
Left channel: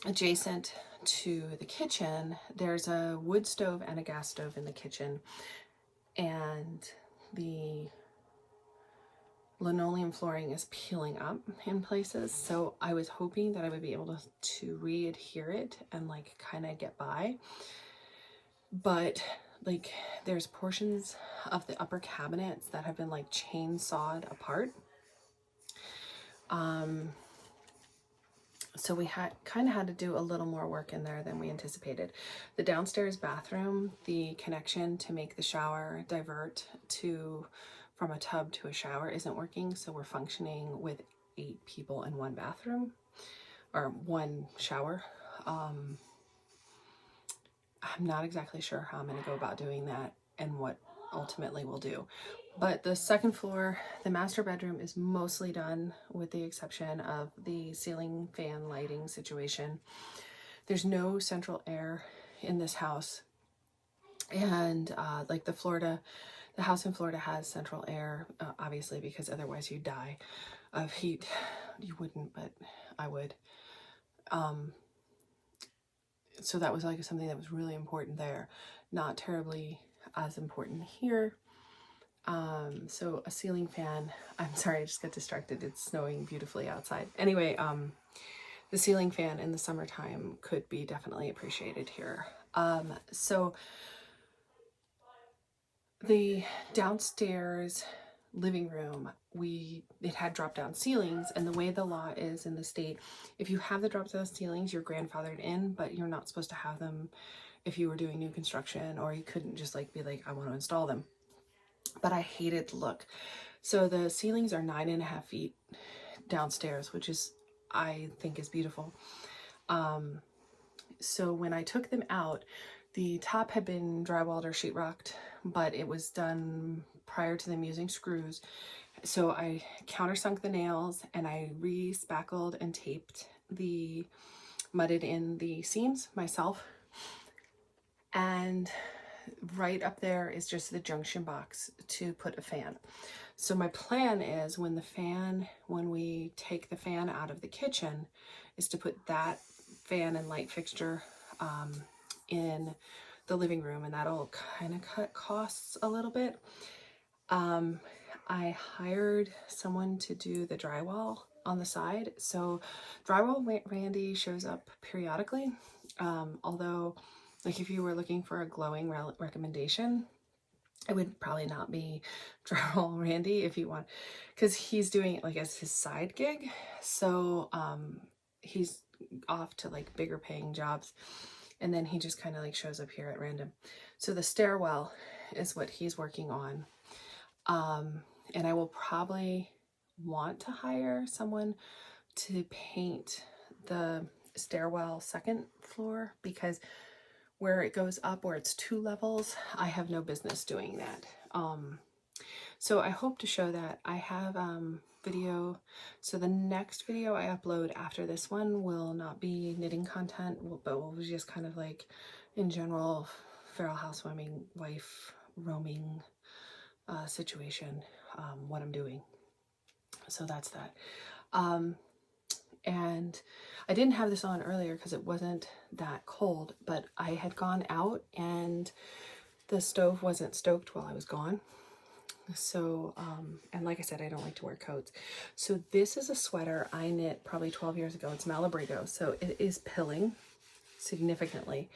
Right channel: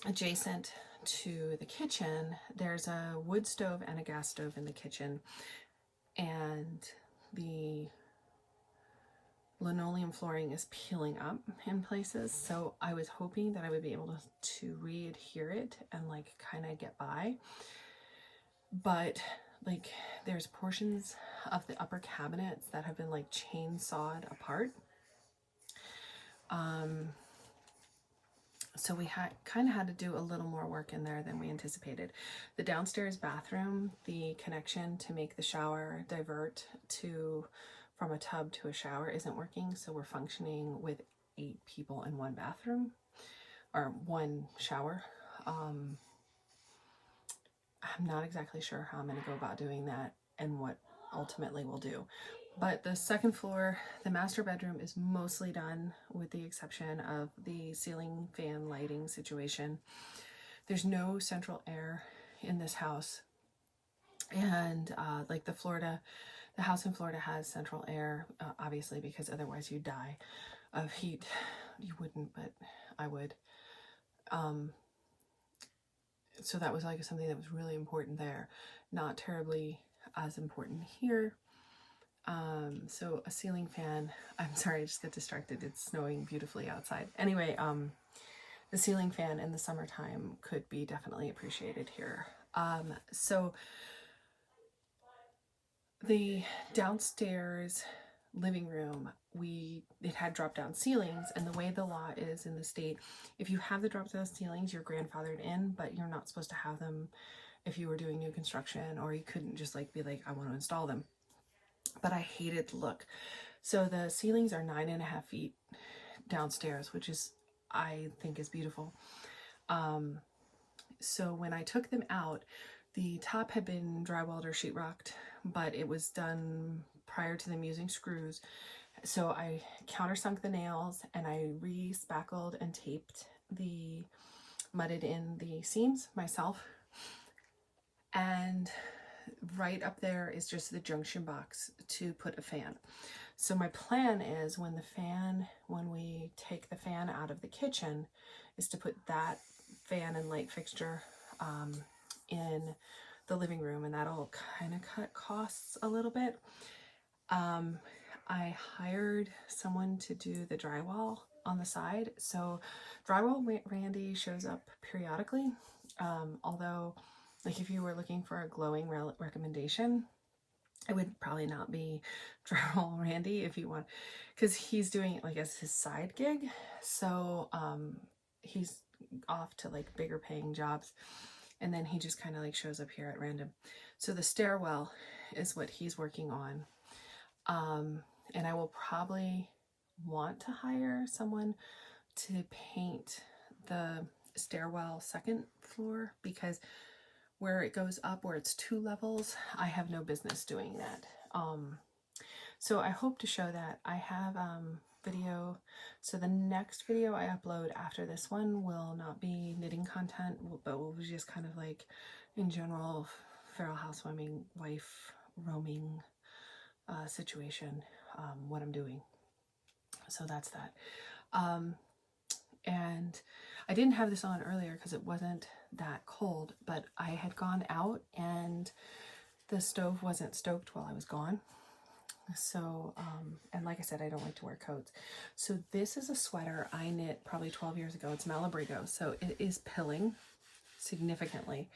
Adjacent to the kitchen, there's a wood stove and a gas stove in the kitchen, and the linoleum flooring is peeling up in places. So I was hoping that I would be able to re-adhere it and like kind of get by. But like there's portions of the upper cabinets that have been like chainsawed apart. So we kind of had to do a little more work in there than we anticipated. The downstairs bathroom, the connection to make the shower divert from a tub to a shower isn't working. So we're functioning with 8 people in one bathroom or one shower. I'm not exactly sure how I'm going to go about doing that and what ultimately we'll do. But the second floor, the master bedroom, is mostly done with the exception of the ceiling fan lighting situation. There's no central air in this house. And like the house in Florida has central air, obviously, because otherwise you'd die of heat. You wouldn't, but I would. So that was like something that was really important there. Not terribly as important here. So a ceiling fan, I'm sorry, I just got distracted. It's snowing beautifully outside. Anyway, the ceiling fan in the summertime could be definitely appreciated here. So the downstairs living room, it had drop down ceilings, and the way the law is in the state, if you have the drop down ceilings, you're grandfathered in, but you're not supposed to have them if you were doing new construction, or you couldn't just like be like, I want to install them. But I hated the look. So the ceilings are 9.5 feet downstairs, which is, I think, is beautiful. So when I took them out, the top had been drywalled or sheetrocked, but it was done prior to them using screws. So I countersunk the nails and I re-spackled and taped mudded in the seams myself. And right up there is just the junction box to put a fan. So my plan is when we take the fan out of the kitchen, is to put that fan and light fixture in the living room, and that'll kind of cut costs a little bit. I hired someone to do the drywall on the side. So Drywall Randy shows up periodically, although like if you were looking for a glowing recommendation, it would probably not be Drywall Randy if you want, because he's doing it like as his side gig. So he's off to like bigger paying jobs, and then he just kind of like shows up here at random. So the stairwell is what he's working on. And I will probably want to hire someone to paint the stairwell second floor, because where it goes up, where it's 2 levels, I have no business doing that. So I hope to show that. I have video. So the next video I upload after this one will not be knitting content, but will be just kind of like in general feral housewarming wife roaming situation, what I'm doing. So that's that. And I didn't have this on earlier because it wasn't that cold, but I had gone out and the stove wasn't stoked while I was gone. So, and like I said, I don't like to wear coats. So this is a sweater I knit probably 12 years ago. It's Malabrigo. So it is pilling significantly.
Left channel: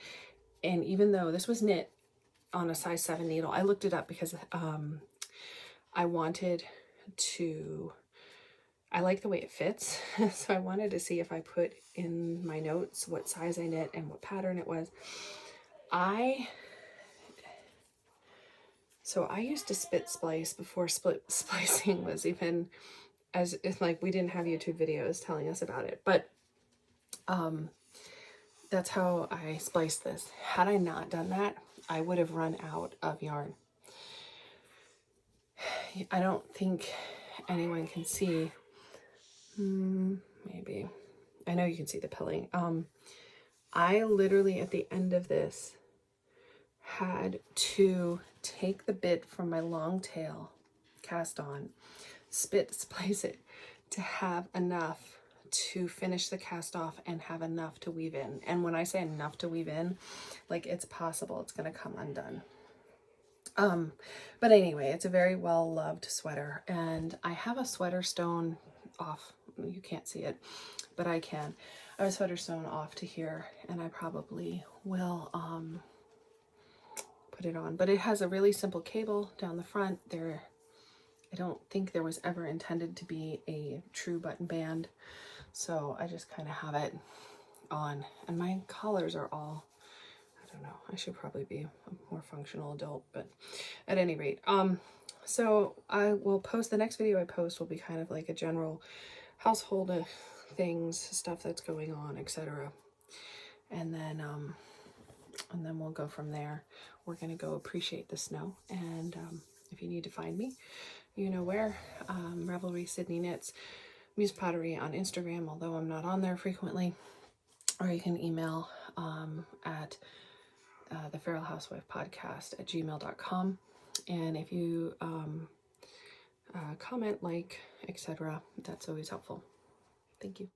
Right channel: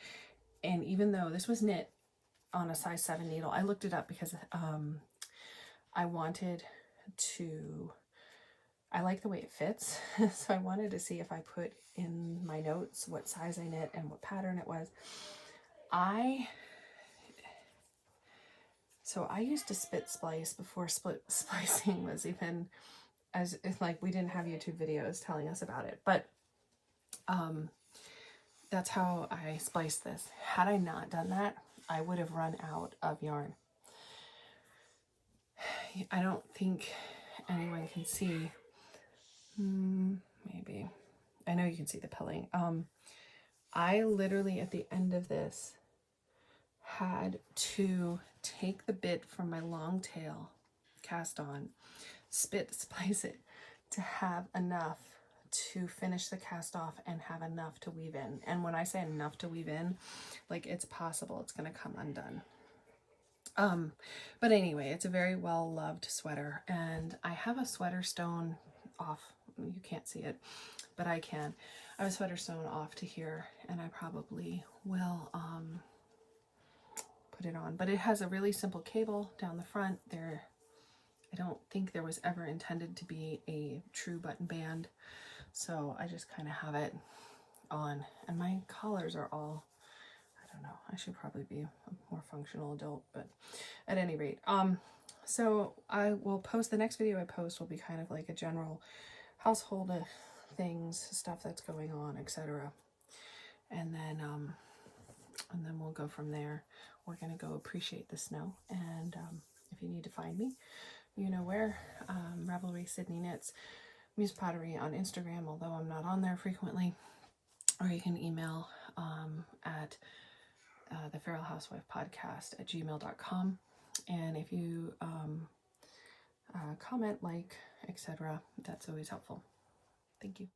And even though this was knit on a size 7 needle, I looked it up because I wanted to, I like the way it fits. So I wanted to see if I put in my notes what size I knit and what pattern it was. So I used to spit splice before split splicing was even, as if like we didn't have YouTube videos telling us about it, but that's how I spliced this. Had I not done that, I would have run out of yarn. I don't think anyone can see, maybe, I know you can see the pilling. I literally at the end of this had to take the bit from my long tail cast on, spit splice it to have enough to finish the cast off and have enough to weave in. And when I say enough to weave in, like it's possible it's going to come undone. But anyway, it's a very well loved sweater, and I have a sweater stone off. You can't see it, but I can. I have a sweater stone off to here, and I probably will put it on. But it has a really simple cable down the front there. I don't think there was ever intended to be a true button band, so I just kind of have it on. And my collars are all, I don't know, I should probably be a more functional adult, but at any rate, so I will post, the next video I post will be kind of like a general household things, stuff that's going on, etc. And then we'll go from there. We're gonna go appreciate the snow, and if you need to find me, you know where. Revelry Sydney Knits, Muse Pottery on Instagram, although I'm not on there frequently, or you can email at the Feral Housewife Podcast at gmail.com. And if you comment, like, etc., that's always helpful. Thank you.